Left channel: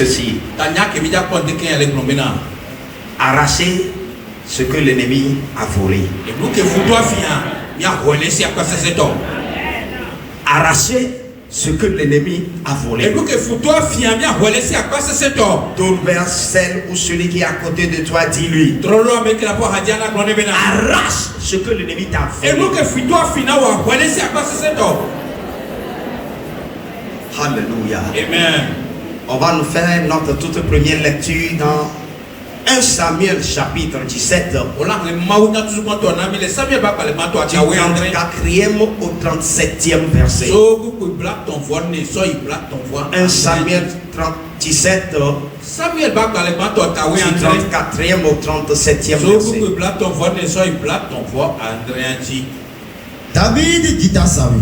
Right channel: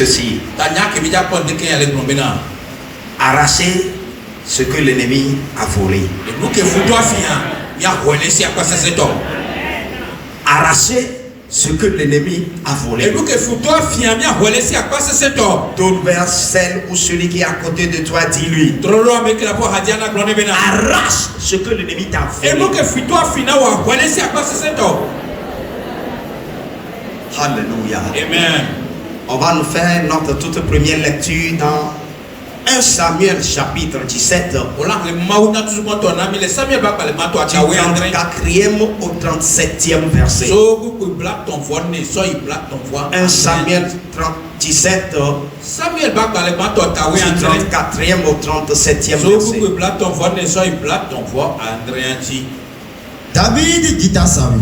ceci. Arracher ce que l'ennemi a volé. Arracher ce que l'ennemi a volé. Tourne vers celle ou celui qui est à côté de toi, dis-lui. Arrache ce que l'ennemi t'a volé. Alléluia. Amen. On va nous faire notre toute première lecture dans 1 Samuel chapitre 17. Du 34e au 37e verset. 1 Samuel 17. Du 34e au 37e verset. David dit à Saül:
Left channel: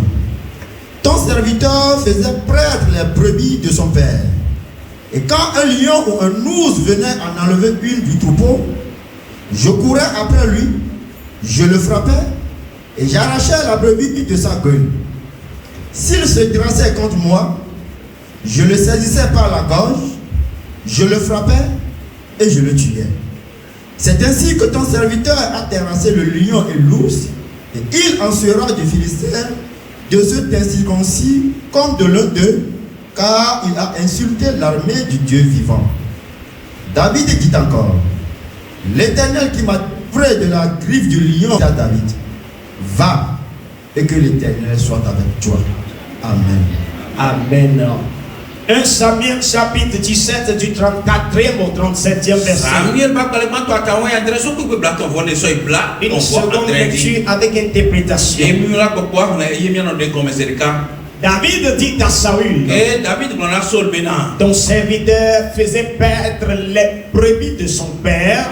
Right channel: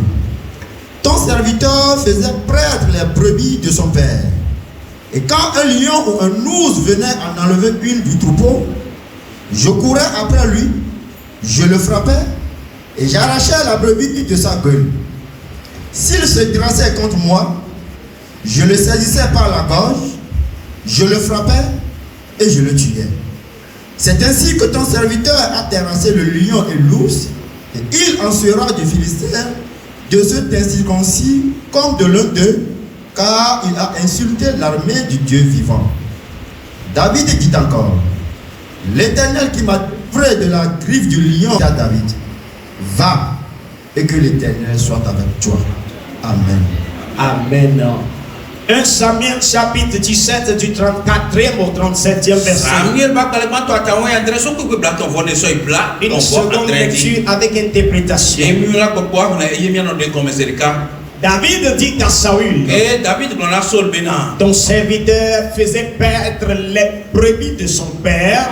ton serviteur faisait prêtre les brebis de son père. Et quand un lion ou un ours venait en enlever une du troupeau, je courais après lui, je le frappais et j'arrachais la brebis de sa gueule. S'il se dressait contre moi, je le saisissais par la gorge, je le frappais et je le tuais. C'est ainsi que ton serviteur a terrassé le lion et l'ours, et il en sera du Philistin, de ceux incirconcis comme de l'un d'eux, car il a insulté l'armée du Dieu vivant. David dit encore: l'Éternel qui m'a livré de la griffe du lion à David, va, et que l'Éternel soit avec toi. Amen. Amen. 1 Samuel chapitre 17 du 34e au 37e verset. Une seconde lecture avec interprétation. David dit à Saül: ton serviteur faisait paître les brebis de son père.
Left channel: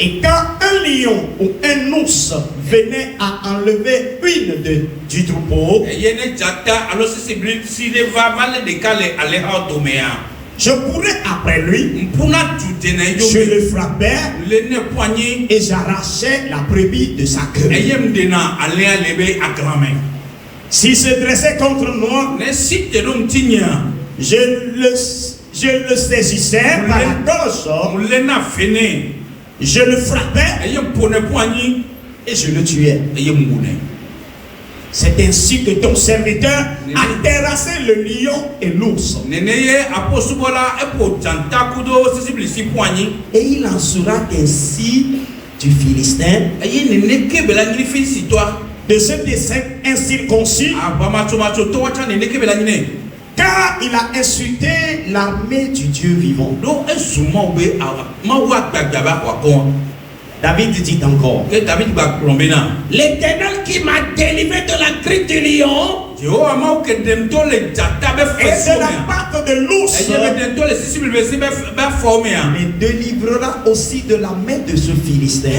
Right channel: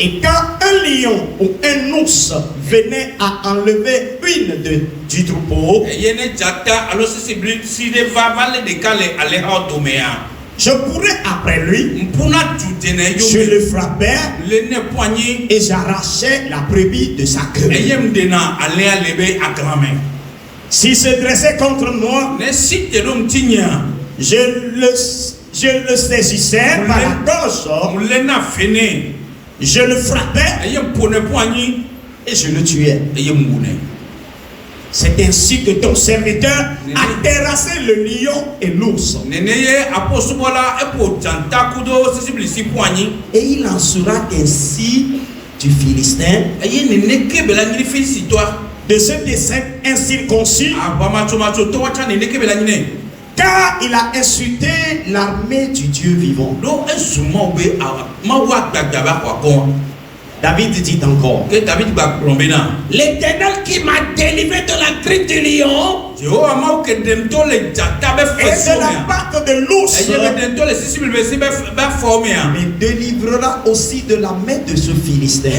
Et quand un lion ou un ours venait à enlever une du troupeau, je courais après lui, je le frappais et j'arrachais la brebis de sa queue. S'il se dressait contre moi, je le saisissais par la gorge, je le frappais et je le tuais. C'est ainsi que ton serviteur a terrassé le lion et l'ours. Et il en sera ainsi du Philistin, de ceux des incirconcis, car il a insulté l'armée du Dieu vivant. David dit encore: l'Éternel qui m'a délivré de la griffe du lion et de la patte de l'ours me délivrera aussi de la main de ce Philistin.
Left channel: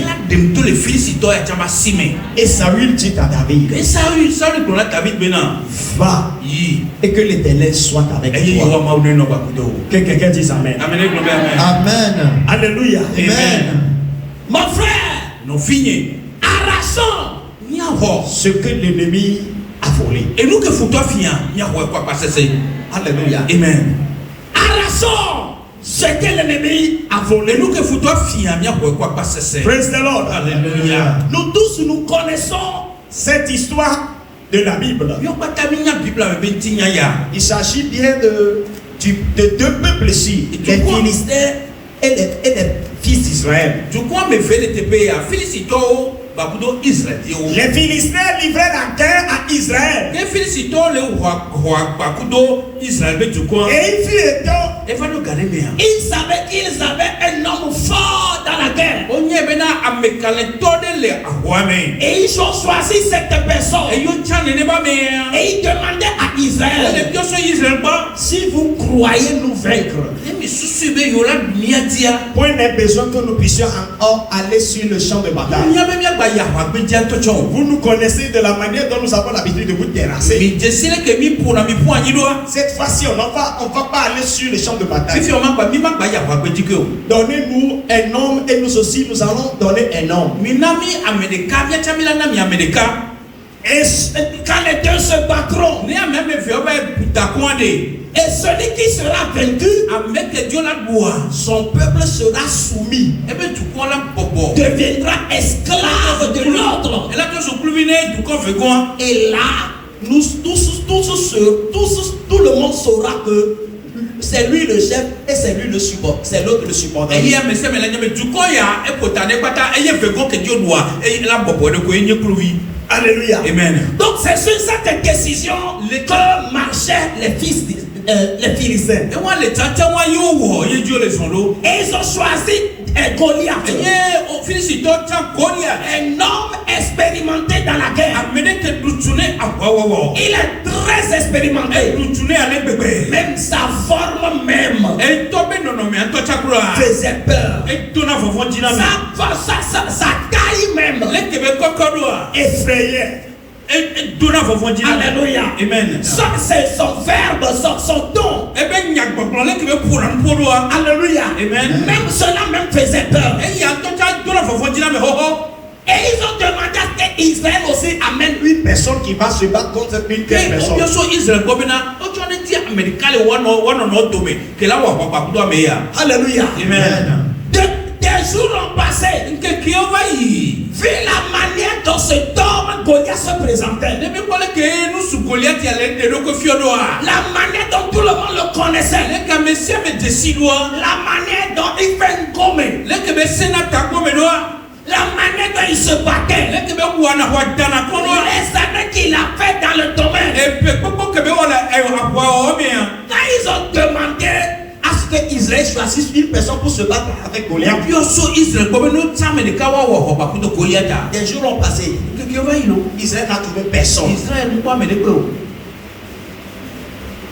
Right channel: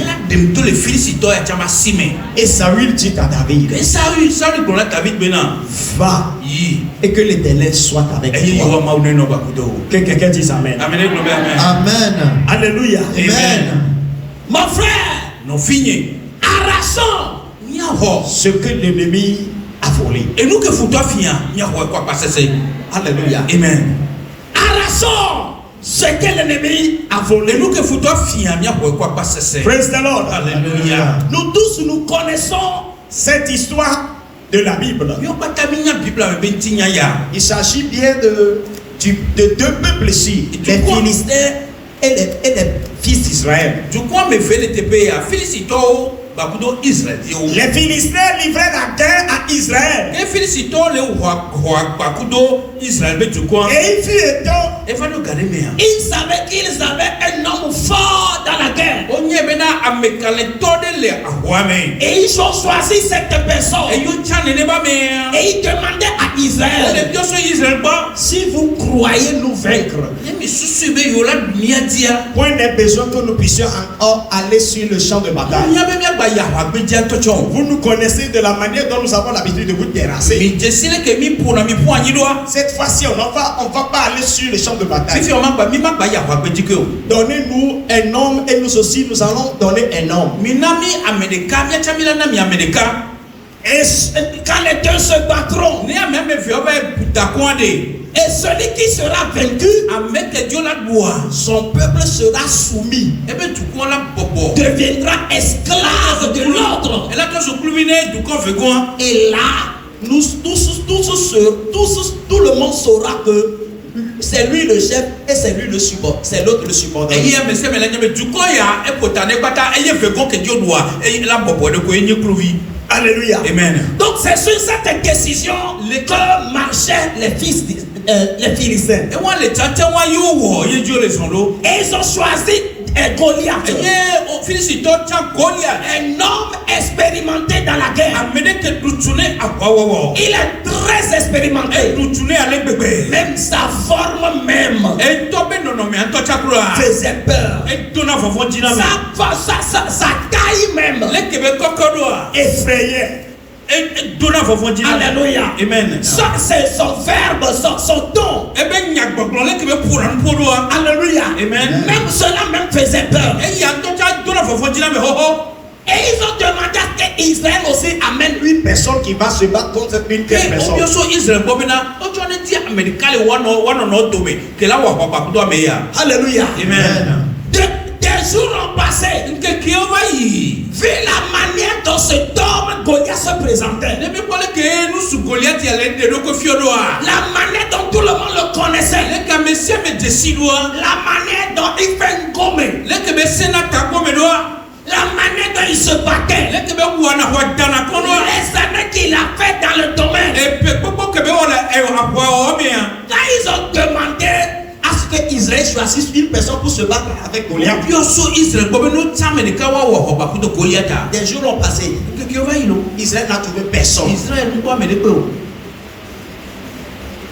Et Saül dit à David: va, et que l'Éternel soit avec toi. Que quelqu'un dise Amen. Amen. Alléluia. Amen. Mon frère, arrachons ce que l'ennemi a volé. Et nous que faut finir, Alléluia. Amen. Arrachons ce que l'ennemi a volé. Et nous que faut finir, Praise the Lord. Alléluia. Nous tous, nous connaissons cette histoire de la Bible. Il s'agit bien de deux peuples ici, les Philistins et les fils d'Israël. Les Philistins livraient la guerre à Israël. Et il fut étant, ils savaient qu'ils avaient un homme fort dans la guerre. Et ils ont choisi cette personne. Et ils demandaient à Israël: si vous croyez nous vaincre, point n'est besoin que nous puissions encore aller sur le champ de bataille. Vous nous connaissez de la manière dont nous avons l'habitude de vous terrasser. Cette fois-ci, on va pas aller sur le champ de bataille. Donnez-nous un homme et nous aussi nous allons donner un homme. Et quand les deux se battront, et celui qui sera vaincu, son peuple sera soumis, deviendra esclave de l'autre. Et là, tout le monde saura que c'est lui le chef et c'est lui le support, c'est l'autre le support. Alléluia. Amen. Donc c'est sur cette décision que marchaient les fils les Philistins. Et ils ont choisi Goliath. Un homme expérimenté dans la guerre. Il est très expérimenté. Même sa forme même faisait peur. Sa taille même effrayait. Alléluia. Amen. Ça c'est son verbe, son don. Alléluia. Amen. Même cela même faisait peur. Et ils ont demandé à ce qu'Israël aussi amène une personne qui va se battre contre une personne. Alléluia. Amen. Des jours ont passé. Vu la manière dont cet homme Goliath se présentait. La manière dont tout le monde le connaissait. La manière dont il fait une gomme. La manière dont il se battait. Les années qu'il a fait dans le domaine. Quand ils ont demandé à ce que Israël choisisse une personne pour se battre avec Goliath. Des jours ont passé. Israël n'a trouvé personne.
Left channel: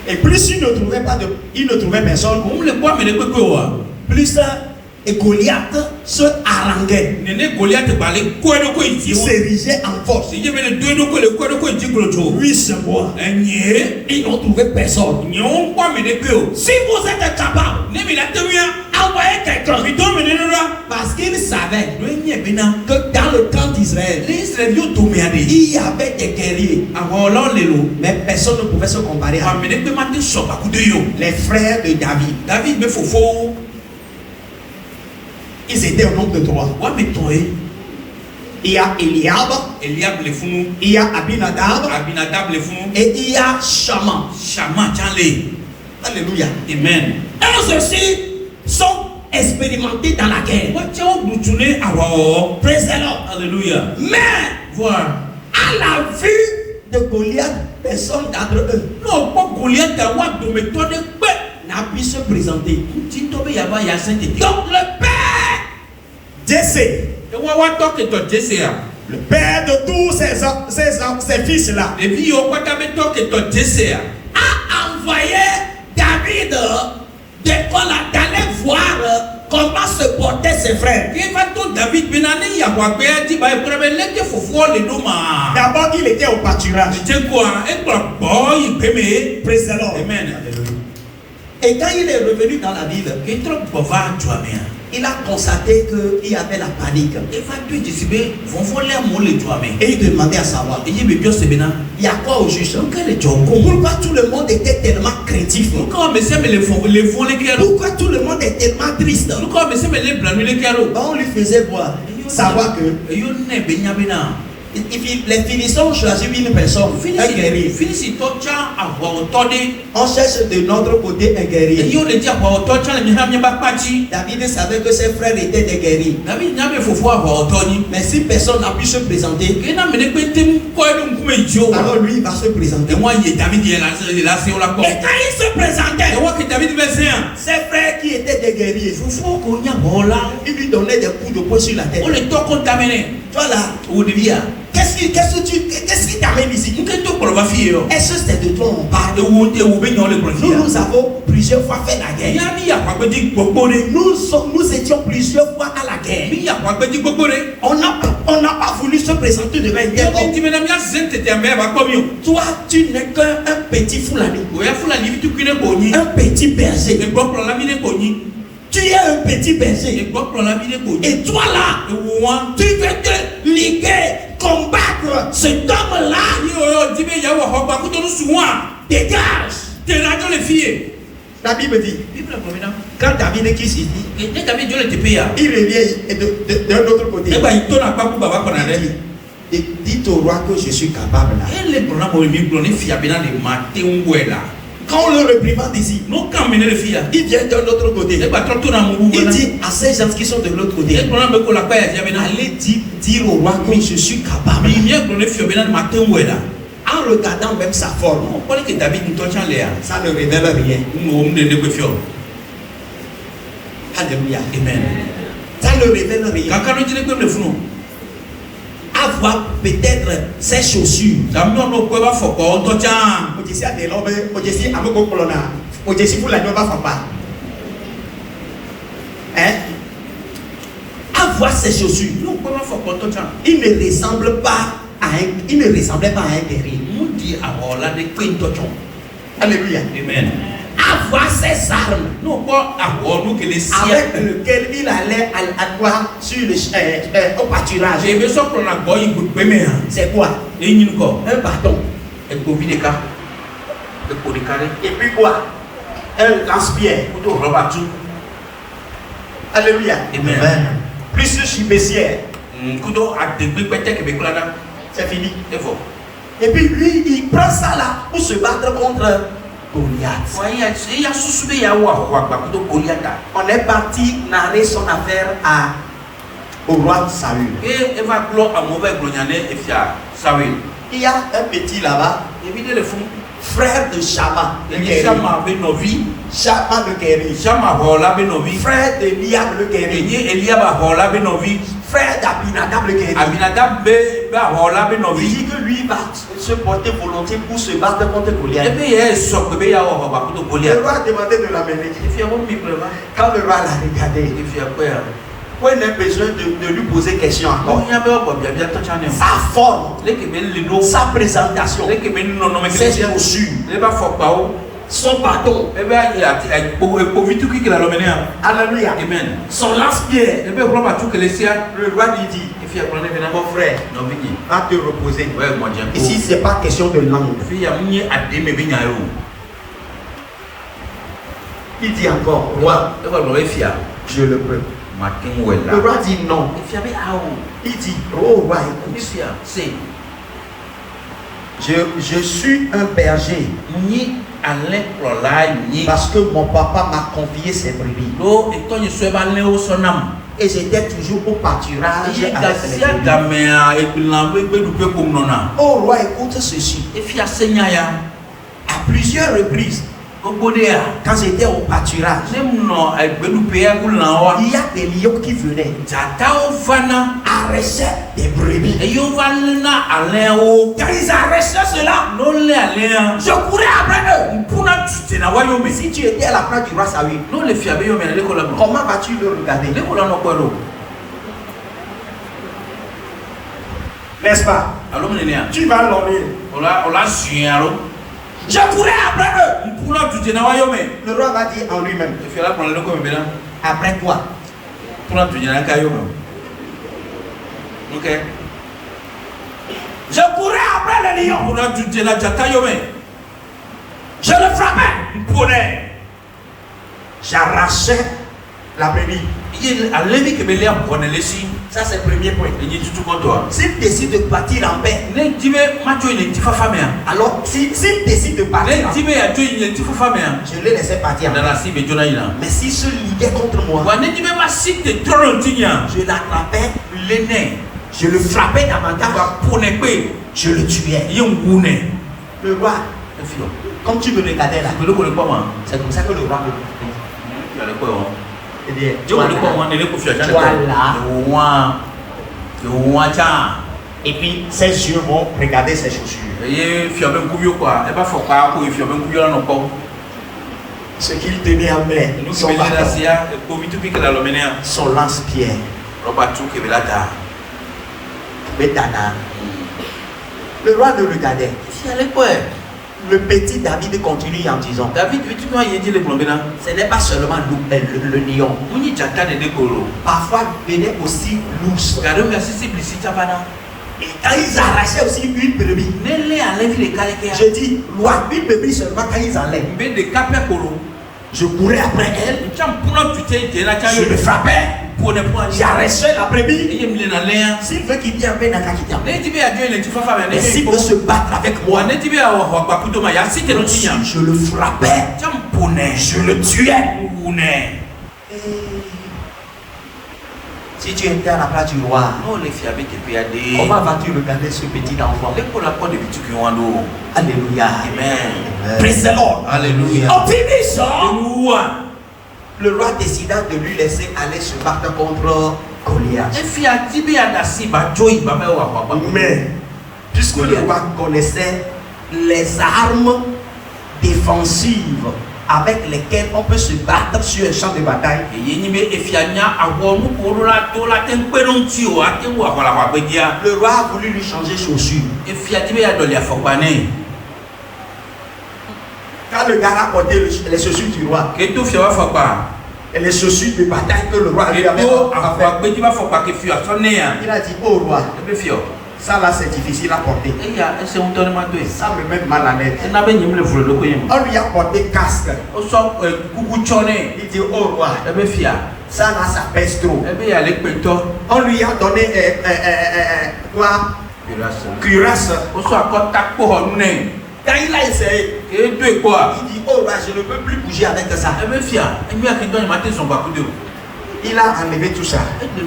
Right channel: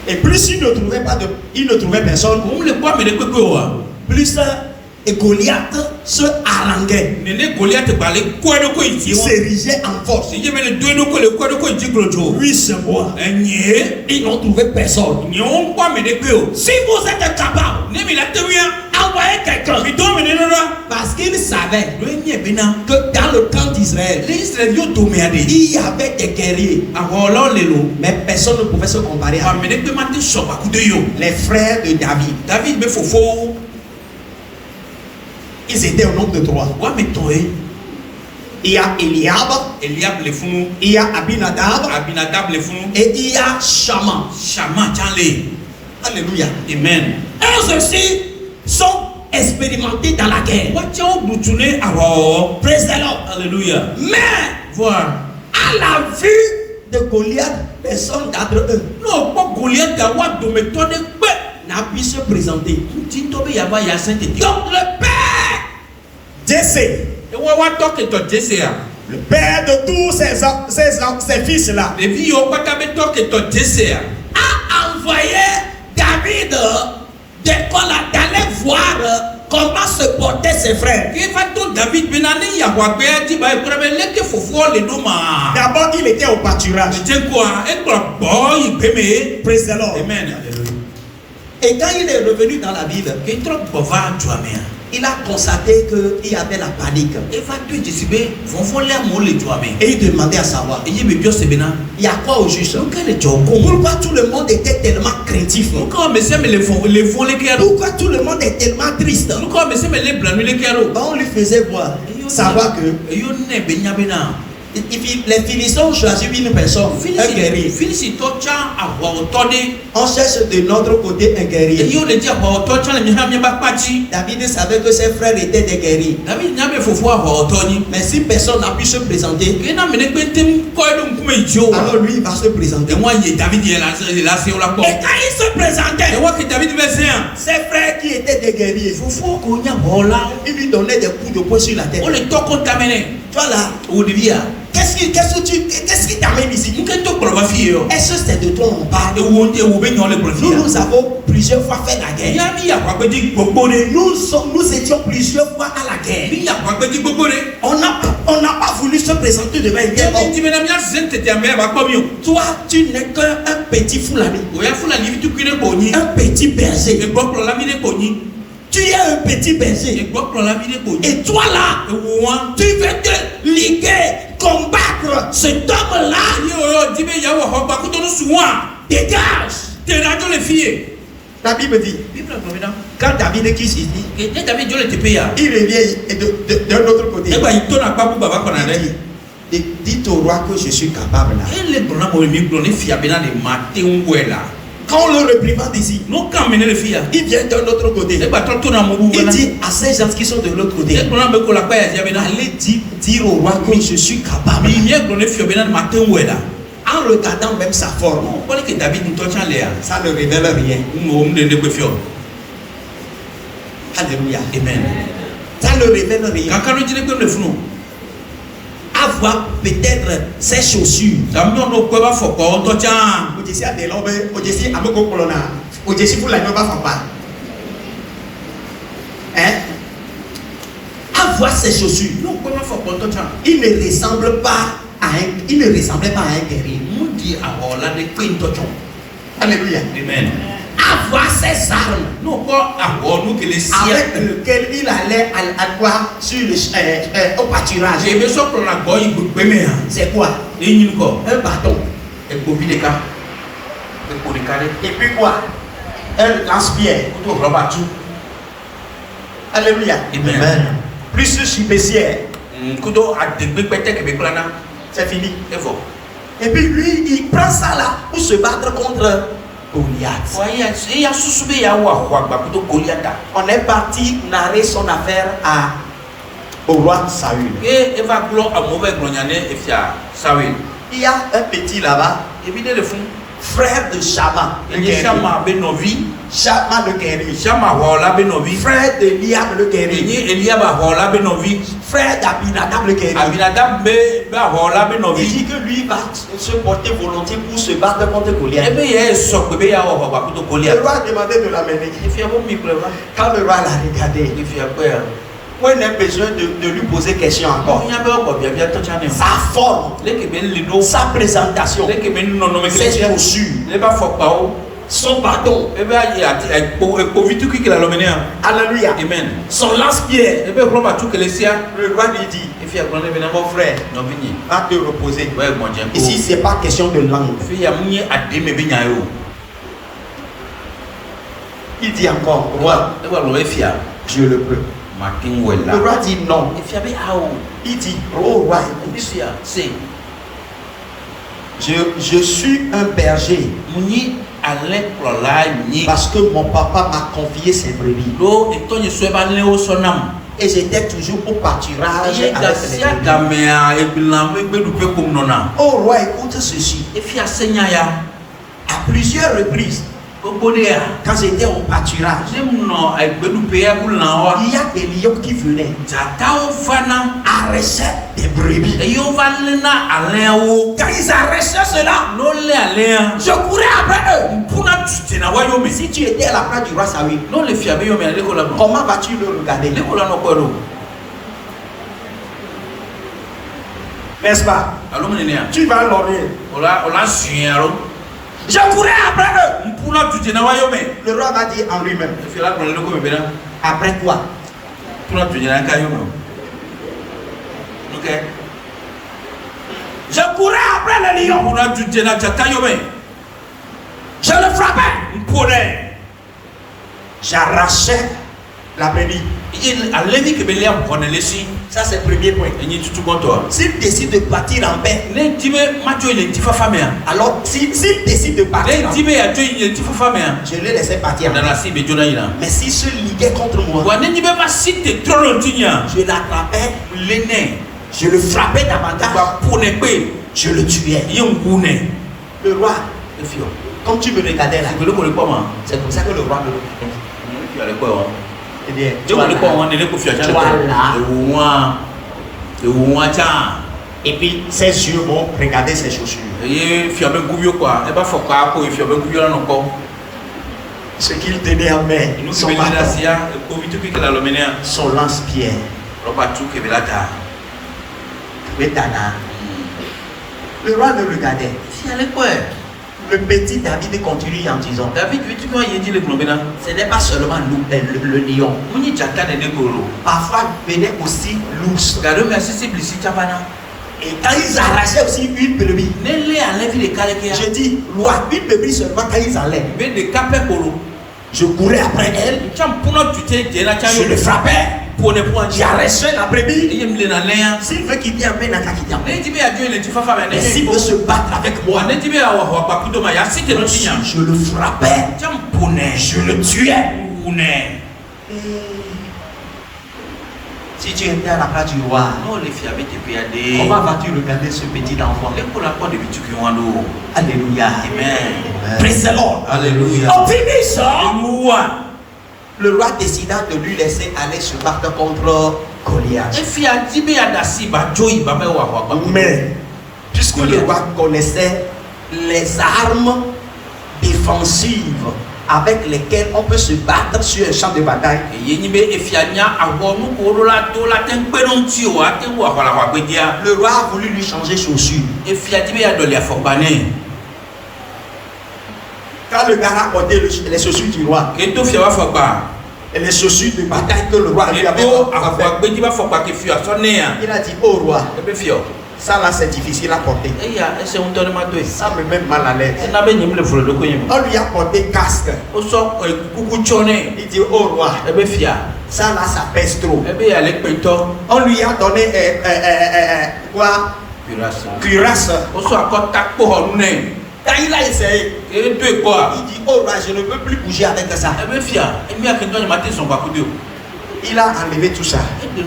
Et plus il ne trouvait personne, plus et Goliath se haranguait. Il s'érigeait en force. Oui, c'est moi. Ils n'ont trouvé personne. Si vous êtes capable, envoyez quelqu'un. Parce qu'il savait que dans le camp d'Israël, il y avait des guerriers. Mais personne ne pouvait se comparer à eux. Les frères de David. Ils étaient au nombre de 3. Il y a Eliab, il y a Abinadab, et il y a Shaman. Alléluia. Amen. Eux aussi sont expérimentés dans la guerre. Praise the Lord. Alléluia. Mais à la vue de Goliath, personne d'entre eux n'a pu se présenter. Donc le père Jesse, le père de tous ces fils-là, a envoyé David d'aller voir comment se portaient ses frères. D'abord, il était au pâturage. Praise the Lord. Amen. Et quand il est revenu dans la ville, il a constaté qu'il y avait la panique. Et il demandait à savoir, il y a quoi au juste? Pourquoi tout le monde était tellement craintif? Pourquoi tout le monde est tellement triste? On lui faisait voir, savoir que les Philistins ont choisi une personne, un guerrier. On cherche de notre côté un guerrier. David savait que ses frères étaient des guerriers. Mais si personne n'a pu se présenter, alors lui il va se présenter. Et quand il se présentait, ses frères qui étaient des guerriers, il lui donnait des coups de poing sur la tête. Voilà. Qu'est-ce qui t'amène ici? Est-ce que c'est de toi on parle? Nous avons plusieurs fois fait la guerre. Nous étions plusieurs fois à la guerre. On n'a pas voulu se présenter devant une guerre. Toi, tu n'es qu'un petit foulani. Un petit berger. Tu es un petit berger. Et toi là, tu veux te liguer combattre cet homme-là, Yo, dis mais y'a wa ba ko to suwa. dégage. Te la to le fille. La Bible dit, quand David quitte ici, Et David Dieu le te paye. il revient de l'autre côté. Et ba ito na pa bu baba ko na Il re. dit, dites au roi que je suis capable. Elle le brona mo mi bro ne fia bena de matin wela. Quand on le réprimande ici, No kan mene le fia. il vient de l'autre côté. E ba to na mo bu Il bena. dit à ces gens qui sont de l'autre côté, E brona be ko la pa ya bena. allez dire au roi que je suis capable. Mi ye bro ne fia bena matin wela. En regardant même sa forme, On parle que David nous tient là. ça ne révèle rien. Nous on de ne fio. Alléluia. Amen. Ça ne révèle rien. Kaka no dire ko le funu. Avoir peut-être ses chaussures. Da mi no ko ba fo ko on to tient. Ojesi adelobe, ojesi ameko kolona, ojesi pour la nyoba papa. Hein? Avoir ses chaussures. No ko ba fo ko on to tient. Il ne ressemble pas à il ne ressemblait pas à un guerrier. Nous dit abola ne ko to tient. Alléluia. Amen. Avoir ses armes No ko abo nous que les avec siècles. lequel il allait à quoi sur le au pâturage. J'ai besoin pour la boy bu me. C'est quoi? Et ni ko. Un bâton. E ko vi de ka. E ko de ka de. Et puis quoi? Un lance-pierre. To roba tu. Alléluia. Amen. Plus chibessière. Kudo a de gbe pete ke be plana. C'est fini. E fo. Et puis lui, il prend ça là pour se battre contre Goliath. Voyez, il y a sous-subé ya wa ba kudo Goliath. On est parti narrer son affaire au roi Saül. Et va glo a mauvais gloniane e fia sawi. Il y a un petit là-bas, E bi de le fun. frère de Shama, le E guerrier. chama be novi. Shama le guerrier. Chama hola be novi. Frère de Liam le E guerrier. ni Eliab hola be novi. Frère d'Abinadab le guerrier. Abinadab be ba hola be Il novi. dit que lui va se porter volontiers pour se battre contre E Goliath. be ye so be ya ho ba kudo Le Goliath. roi a demandé de l'amener. E fia ho mi pleva. Quand le roi l'a regardé, E fia ko ya. on a besoin de lui poser question Bon, encore. il y a pas quoi bien to chane. Sa forme, Le ke be le no. sa présentation, Le ke be no no me ses ke. chaussures, Le ba fo pa o. son bâton. E be ya e po vitu ki la lomene a. Alléluia. Amen. Son lance-pierre. E be roba tu ke le sia. Le roi lui dit, E fia glone be na mon frère, no vini. va te reposer. Ouais, bon Dieu. Ici, ce n'est pas question de langue. Fi ya munye ade me be nya yo. Il dit encore, roi, E wa lo e fia. je le peux. Makin wela. Le roi dit non. E fia be ao. Il dit, oh roi, E écoute, fia se je suis un berger ni ale plola ni. parce que mon papa m'a confié ses brebis. Lo e to ni so e ba le o so nam. Et j'étais toujours au pâturage Ye avec ga les sia brebis. ga me a e bilan be du pe kum nona. Oh roi, écoute ceci. E fia senya ya. À plusieurs reprises, Gbogbo de ya. quand j'étais au pâturage, Ne no e be du pe ya gulan wa. il y a des lions qui venaient Tata o fana. arracher des brebis. E yo va na ale o. Quand ils arrachaient cela, No le ale. je courais après eux. Puna tu na wa yo me. Si tu étais à la place du roi Saül, No le fia be yo me le ko la mo. comment vas-tu le regarder? Le ko la no ko lo. N'est-ce pas? Alo me ni ya. Tu vas l'honorer. Ola sunyaro. Je courais après eux. Puna tu na wa yo me. Le roi va dire en lui-même. E fia la ko le ko me be na. Après quoi? Puna tu na ka yo me. OK. Je courais après le lion. Puna tu na jata yo me. Je le frappais. Mpone. J'arrachais la brebis. Il a levé que Bélia connaît les signes. Ça, c'est le premier point. Et ni tout bon toi. S'il décide de partir en paix, Ne tibe macho il est famille. alors s'il décide de partir, Ne tibe a tu il est famille. je le laissais partir. Dans la cible de Jonaïna. Mais s'il se liguait contre moi, Wa ne tibe pas si te trop longtemps. je l'attrapais, L'aîné. je le frappais davantage, Va pour ne pas. je le tuais. Yon gune. Le roi, Le fio. comme tu me regardais là, Tu veux le comment? c'est comme ça que le roi me regardait. Tu as le quoi? Eh bien, Tu veux le quoi? On est le coup fier. Voilà. Le ouan cha. Et puis ses yeux vont regarder ses chaussures. Et fier ben couvio quoi. Et pas faut pas ko fier ben couvio non ko. Ce qu'il tenait en main, Nous qui son ben bâton, là sia ko vitu ki la lomene. son lance-pierre, Roba tu ke belata. le tana. Le roi le regardait. Si elle est quoi? Le petit David continue en disant, David, tu vois, il dit le problème. ce n'est pas seulement le lion. Oui, j'attends les négros. Parfois venait aussi l'ours. Car merci, c'est blessé, Chavana. Et quand ils arrachaient aussi une brebis, je dis, loi, une brebis seulement quand ils enlèvent. Je courais après elle, je le frappais, j'arrachais la brebis. S'il veut qu'il vienne bien dans ta quitté, et s'il veut se battre avec moi, je le frappais, je le tuais. Si tu étais à la place du roi, comment vas-tu regarder ce petit enfant? Alléluia. Amen. Praise the Lord. Alléluia. En finissant, le roi décida de lui laisser aller se battre contre Goliath. Mais, puisque le roi connaissait les armes défensives avec lesquelles on peut se battre sur un champ de bataille, le roi a voulu lui changer chaussures. Quand le gars a porté les chaussures du roi et les chaussures de bataille que le roi lui avait fait, il a dit, oh roi, ça là c'est difficile à porter. Ça me met mal à l'aise. On lui a porté casque. Il dit, oh roi, ça là ça pèse trop. On lui a donné quoi? Cuirasse. Quand il a essayé, il dit, oh roi, je ne peux plus bouger avec ça. Il a enlevé tout ça. Le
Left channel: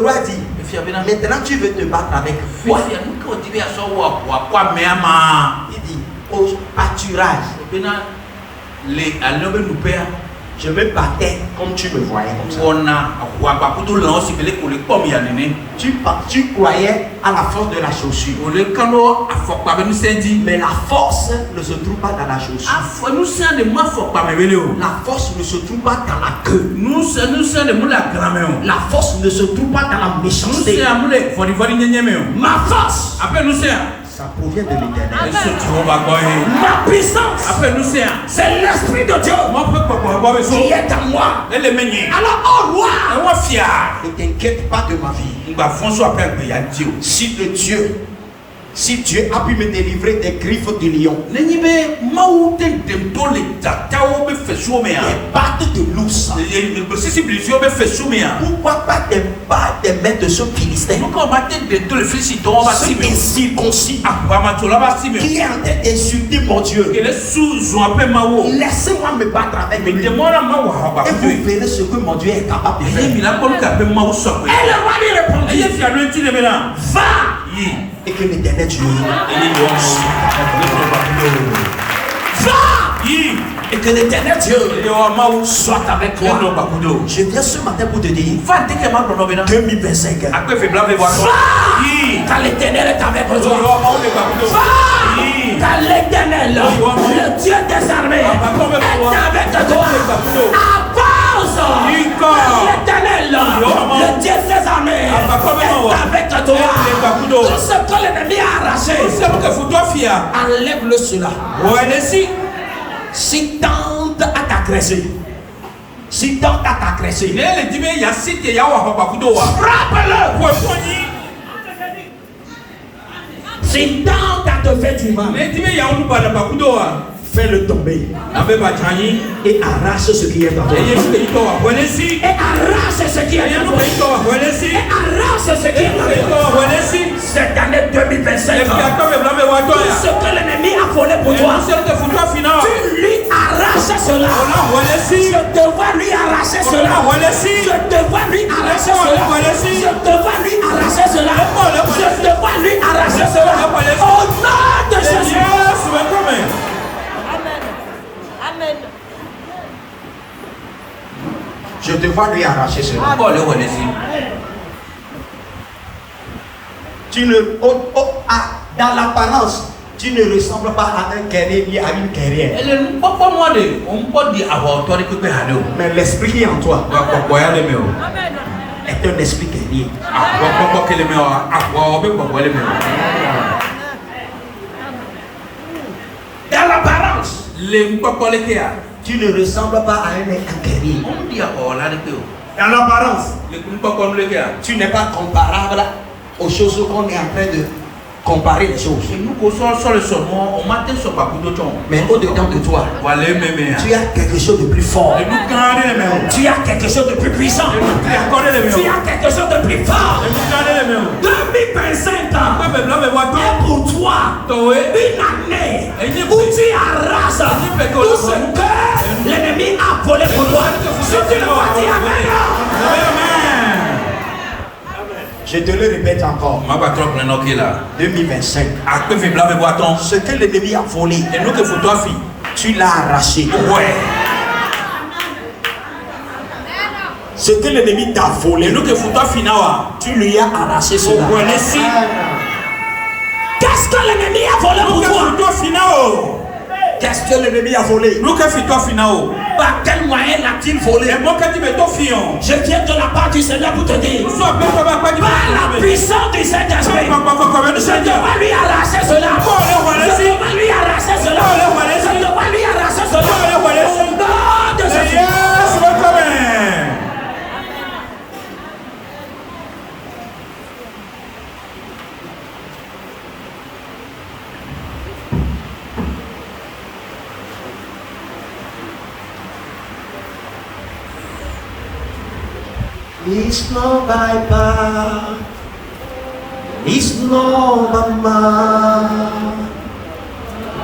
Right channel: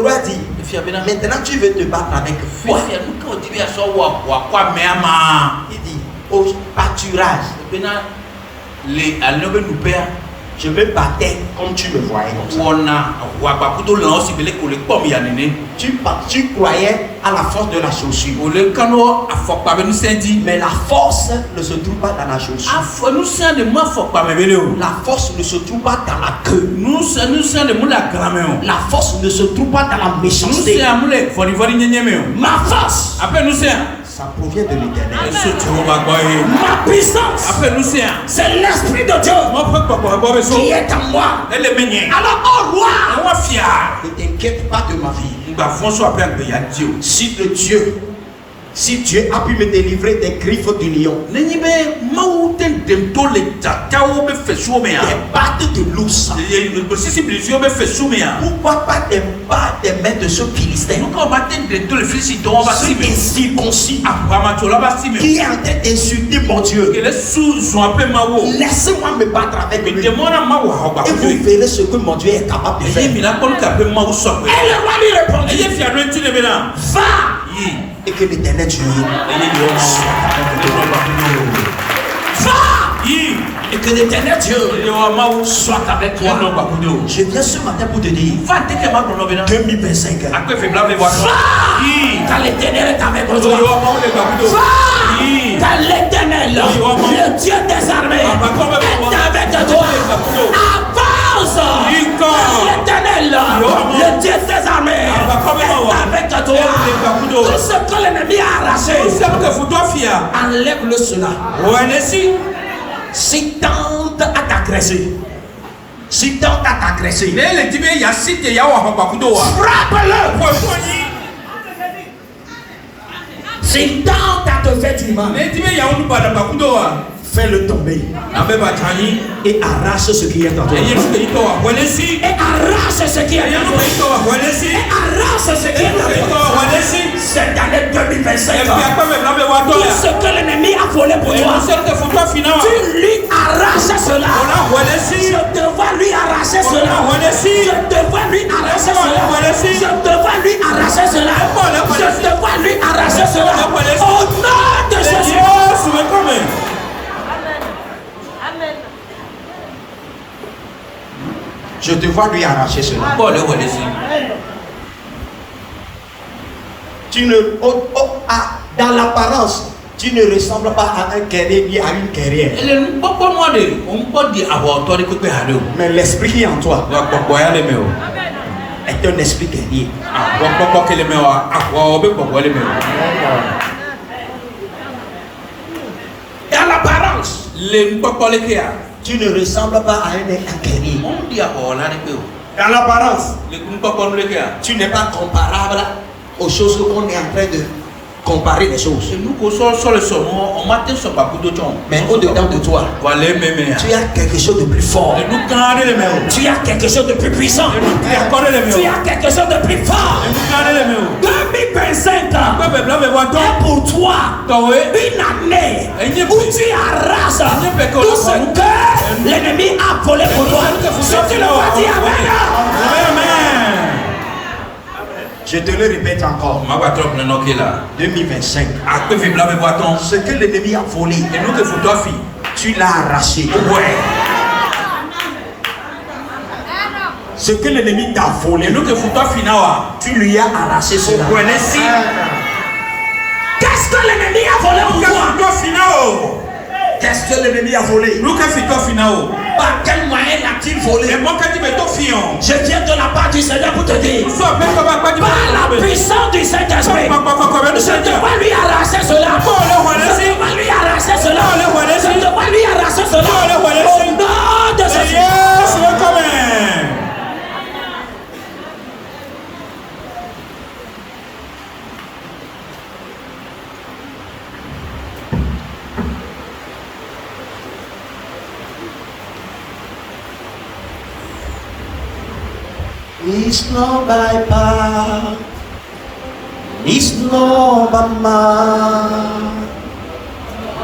roi dit, maintenant tu veux te battre avec moi. Il dit, au pâturage, je me battais comme tu me voyais. Tu croyais à la force de la chaussure. Mais la force ne se trouve pas dans la chaussure. La force ne se trouve pas dans la queue. La force ne se trouve pas dans la méchanceté. Ma force, ça provient de l'Éternel. Ma puissance, c'est l'Esprit de Dieu qui est en moi. Alors, oh roi, ne t'inquiète pas de ma vie. Si Dieu a pu me délivrer des griffes du lion, des pattes de l'ours, pourquoi pas des mains de ceux Philistins, ceux incirconcis, qui est en train d'insulter mon Dieu? Laissez-moi me battre avec lui. Et vous verrez ce que mon Dieu est capable de faire. Et le roi lui répondit, va! Et que l'Éternel Dieu et que l'Éternel Dieu soit avec toi. Je viens ce matin pour te dire 2025. Car l'Éternel est avec toi. Car l'Éternel, le Dieu des armées, est avec toi. Avance. L'Éternel, le Dieu des armées, est avec toi. Tout ce que l'ennemi a arraché, enlève-le cela. Si tente à t'agresser, frappe-le. Si tente à te faire du mal, fais-le tomber et arrache ce qui est en toi. Et arrache ce qui est en toi. Cette année 2025, tout ce que l'ennemi a volé pour toi, tu lui arraches cela. Je devrais lui arracher cela. Au nom de Jésus. Je devrais lui arracher cela. Tu ne, dans l'apparence, tu ne ressembles pas à un guerrier ni à une guerrière. Mais l'esprit qui est en toi est un esprit guerrier. Dans l'apparence, tu ne ressembles pas à un guerrier. Dans l'apparence, tu n'es pas comparable aux choses qu'on est en train de comparer les choses. Mais au-dedans de toi, tu as quelque chose de plus fort. Tu as quelque chose de plus puissant. Tu as quelque chose de plus fort. 2025 est pour toi une année où tu arraches tout ce que l'ennemi a volé pour toi. Si tu le vois, dis Amen. Je te le répète encore. 2025. Ce que l'ennemi a volé, tu l'as arraché. Ouais. Ce que l'ennemi t'a volé, tu lui as arraché cela. Qu'est-ce que l'ennemi a volé pour toi? Qu'est-ce que l'ennemi a volé? Par quel moyen l'a-t-il volé? Je viens de la part du Seigneur pour te dire, par la puissance du Saint-Esprit, je dois lui arracher cela. Je dois lui arracher cela. Je dois lui arracher cela. Au nom de Jésus. It's not by power, it's not by might,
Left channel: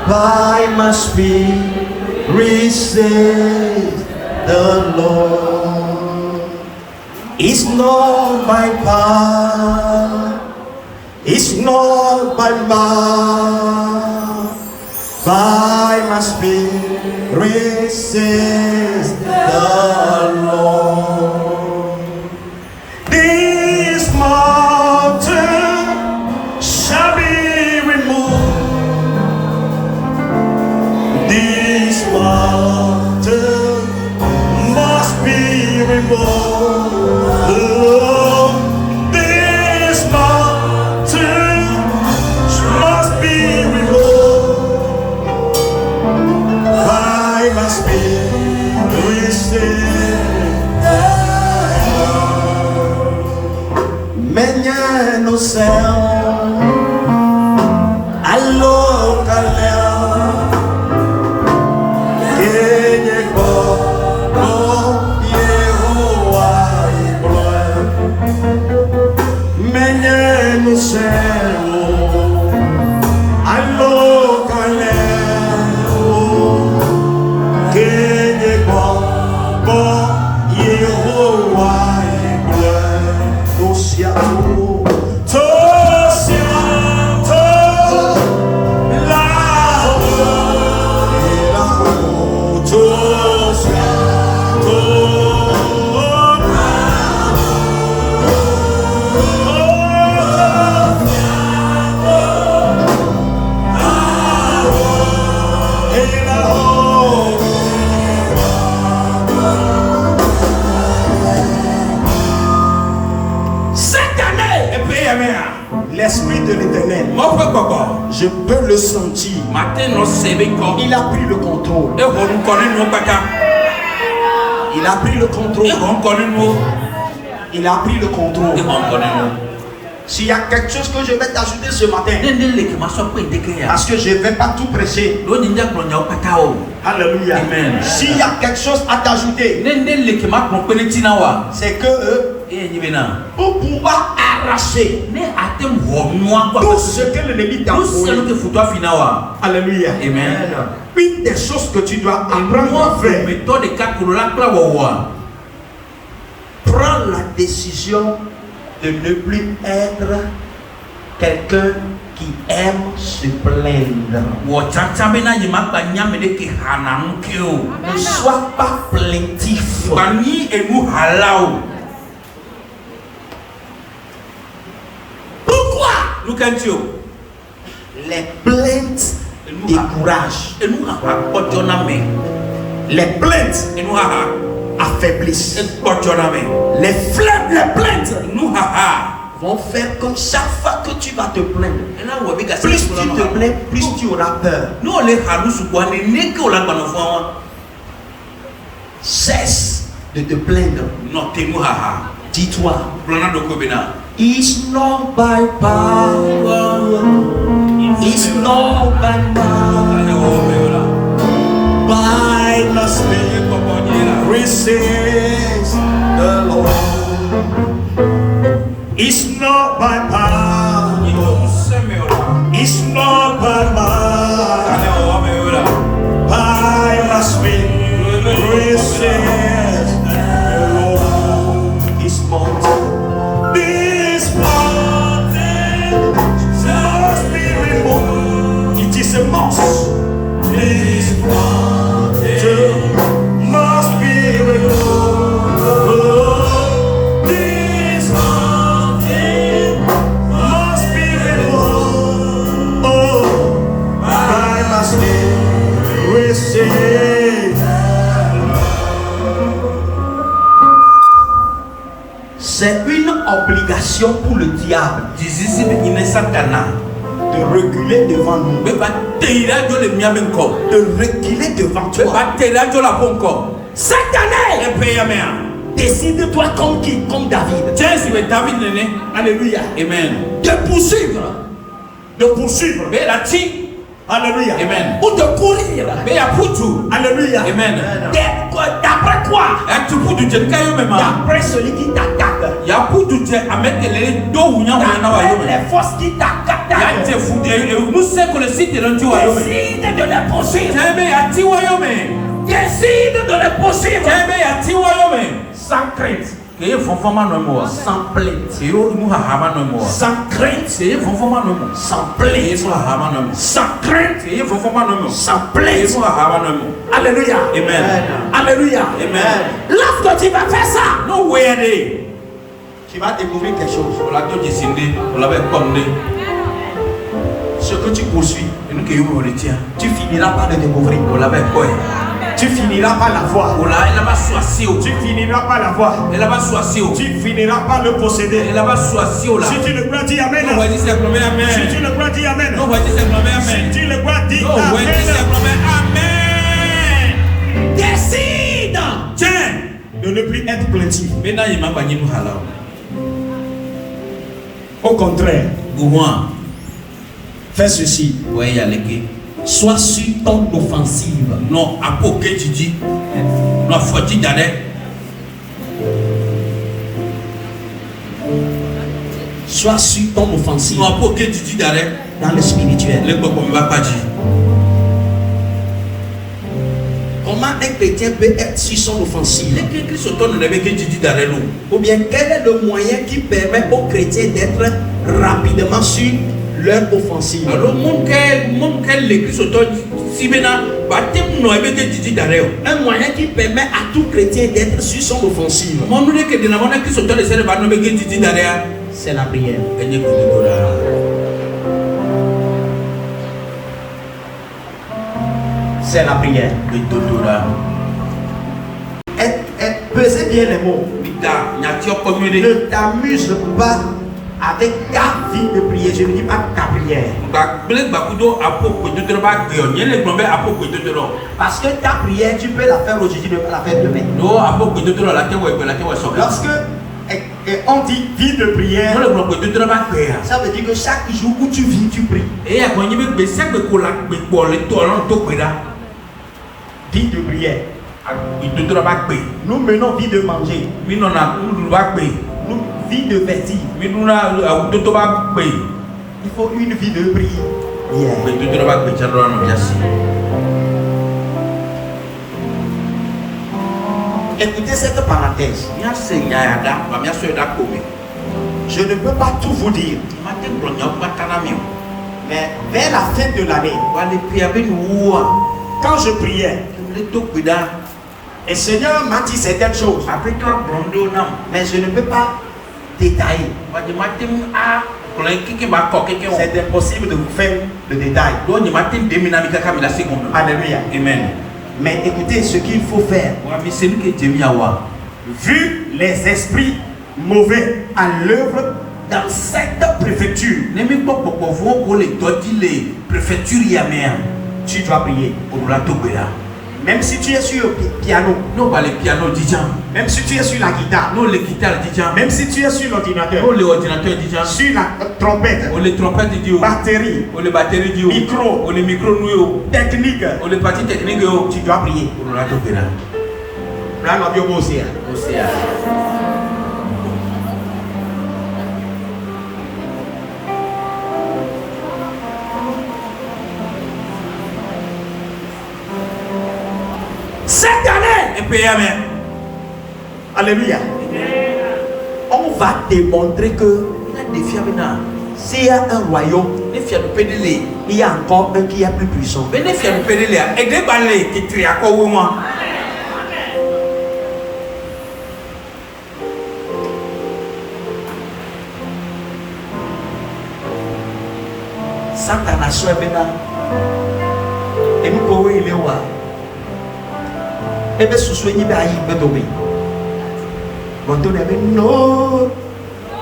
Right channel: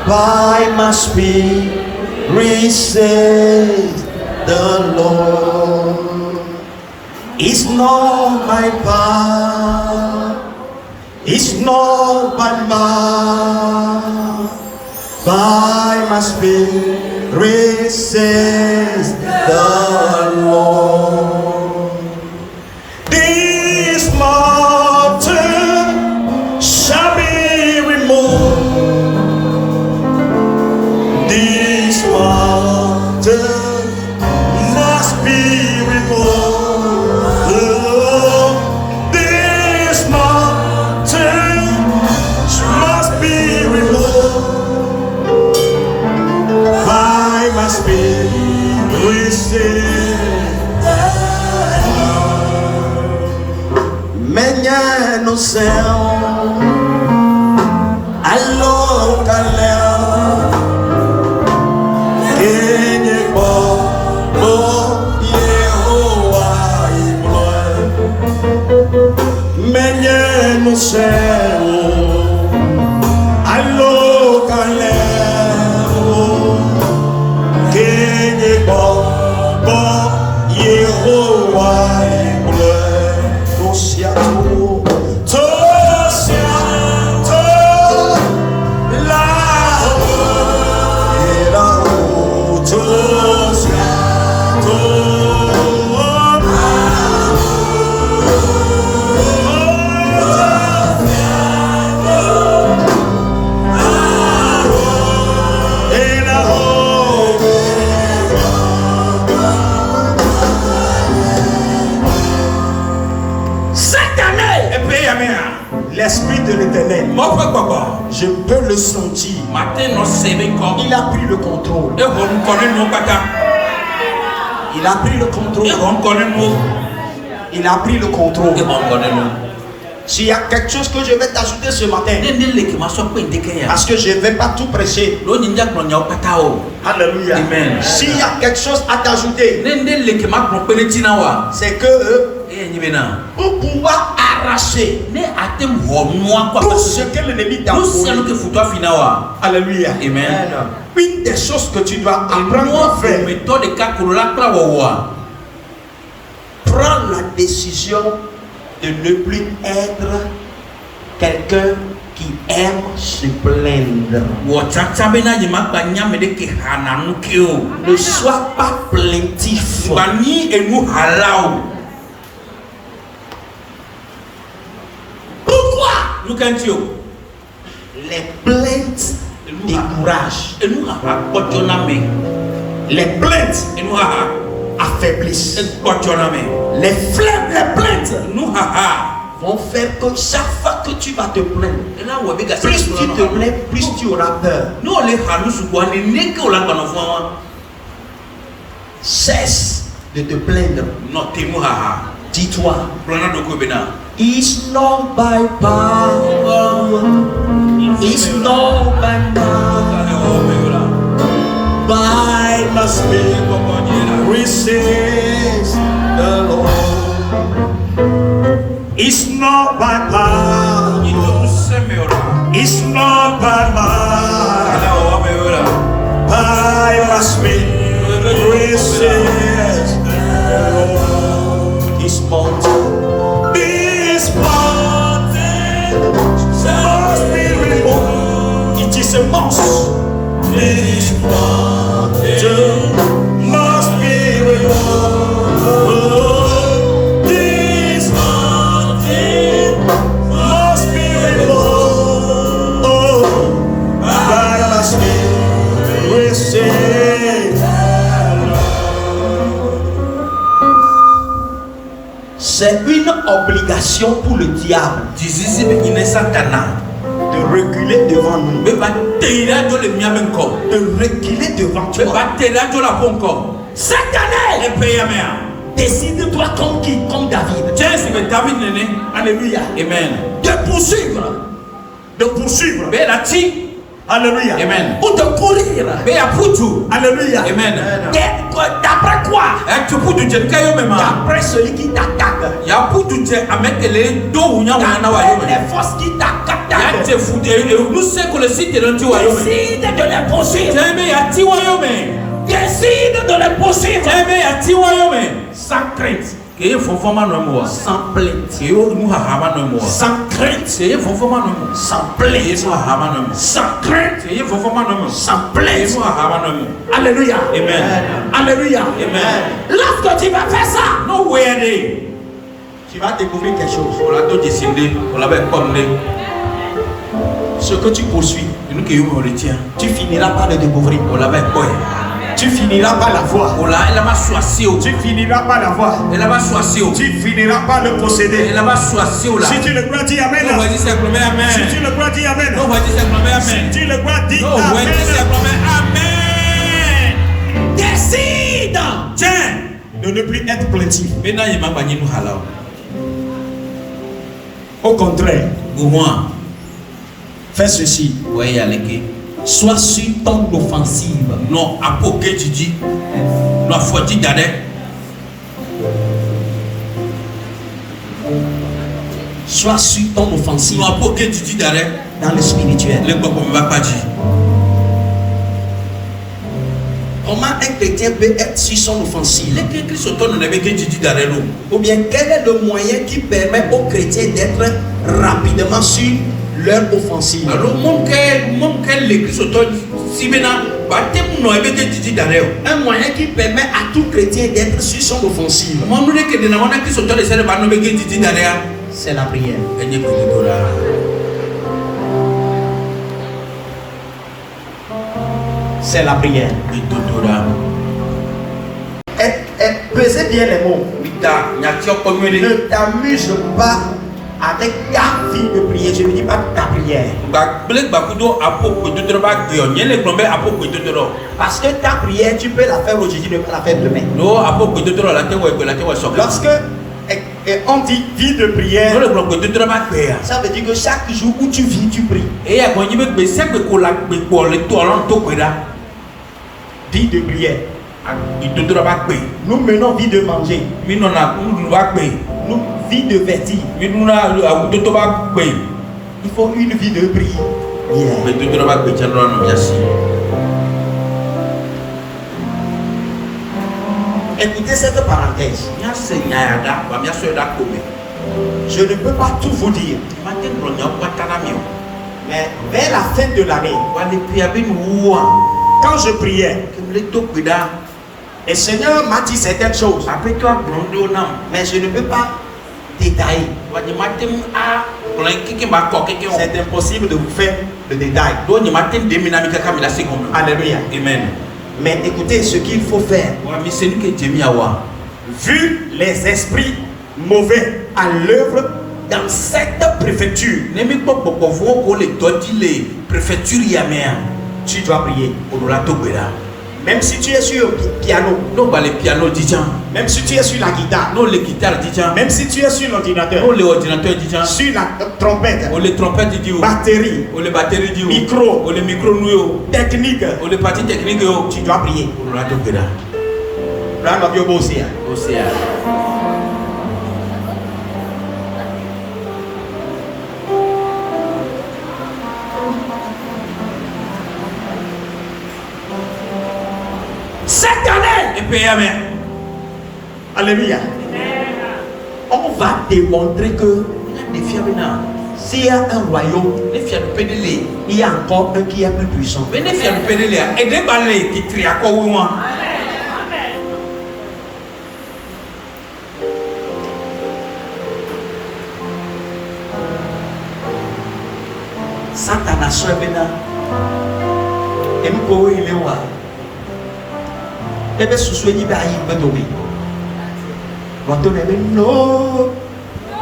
by my spirit, says the Lord. It's not by power, it's not by might, by my spirit, says the Lord. This mountain shall be removed. This mountain must be removed. This mountain must be removed. By my spirit, say. Menye no céu, alô galera, quem é bom, Yehová e glória. Menye no céu, alô galera, quem é bom, Yehová e glória. L'Esprit de l'Éternel, je peux le sentir. Il a pris le contrôle. Il a pris le contrôle. Il a pris le contrôle. S'il y a quelque chose que je vais t'ajouter ce matin, parce que je ne vais pas tout prêcher. Alléluia. Amen. S'il y a quelque chose à t'ajouter, c'est que pour pouvoir arracher tout ce que l'ennemi t'a volé. Alléluia. Amen. Une des choses que tu dois apprendre à faire, prends la décision de ne plus être quelqu'un qui aime se plaindre. Ne sois pas plaintif. Pourquoi? Les plaintes découragent. Les plaintes affaiblissent. Les plaintes vont faire que chaque fois que tu vas te plaindre, plus tu te plains, plus tu auras peur. Cesse de te plaindre. Dis-toi, It's not by power, it's not by might, by the Spirit, says the Lord. It's not by power, it's not by might, by the Spirit, says the Lord. This mountain must be removed. It is a must. This mountain must be removed. This mountain must be removed. By the Spirit, says the Lord. C'est une obligation pour le diable de reculer devant nous, de reculer devant toi. Cette année, décide-toi comme qui? Comme David. Alléluia. Amen. De poursuivre. Alléluia. Amen. Ou de courir. Alléluia. Amen. D'après quoi? D'après celui qui t'attaque. Les forces qui t'attaquent. Décide de les poursuivre. Décide de les poursuivre. Sans crainte. Sans plainte. Sans crainte. Sans plainte. Sans crainte. Sans plainte. Alléluia. Amen. Alléluia. Amen. Lorsque tu vas faire ça, tu vas découvrir quelque chose. Ce que tu poursuis, tu finiras par le découvrir. Tu finiras par la voir. Tu finiras par la voir. Tu finiras par le posséder. Si tu le crois, dis amen. Si tu le crois, dis amen. Si tu le crois, dis amen. Décide. Tiens, de ne plus être plaintif. Au contraire, fais ceci. Sois sur ton offensive. Non, à poker tu dis. Non, faut dire d'arrêt. Sois sur ton offensive. Non, à poker tu dis d'arrêt. Dans le spirituel. Le peuple ne va pas dire. Comment un chrétien peut être sur son offensive? Ou bien quel est le moyen qui permet aux chrétiens d'être rapidement sur leur offensive? Alors, un moyen qui permet à tout chrétien d'être sur son offensive, c'est la prière. C'est la prière. Pesez bien les mots. Ne t'amuse pas avec ta vie de prière. Je ne dis pas ta prière. Parce que ta prière, tu peux la faire aujourd'hui, tu peux la faire demain. Lorsque on dit vie de prière, ça veut dire que chaque jour où tu vis, tu pries. Vie de prière. Nous menons vie de manger. Nous vie de vertige. Il faut une vie de prière. Écoutez cette parenthèse. Je ne peux pas tout vous dire. Mais vers la fin de l'année, quand je priais, et le Seigneur m'a dit certaines choses, mais je ne peux pas détailler. C'est impossible de vous faire le détail. Alléluia. Amen. Mais écoutez ce qu'il faut faire. Vu les esprits mauvais à l'œuvre dans cette préfecture, tu dois prier. Mais Même si tu es sur le piano, non bah les pianos didjan, même si tu es sur la guitare, non les guitares didjan, même si tu es sur l'ordinateur, non les ordinateurs didjan, sur la trompette, on les trompettes dit batterie, on les batteries dit micro, on les micros nous technique, on les parties techniques tu dois prier. on l'a tout là. Là, on va bien bosser. Aussi Cette année, et puis amen. Alléluia. on va démontrer que s'il y a un royaume, Les fiers de pédéler, il y a encore un qui est plus puissant. mais les fiers de pédéler et des balais qui trient à quoi ou moi. Satan soit maintenant. Et nous pouvons y aller voir. Et bien, ce soit il va y tomber. Quand on est non,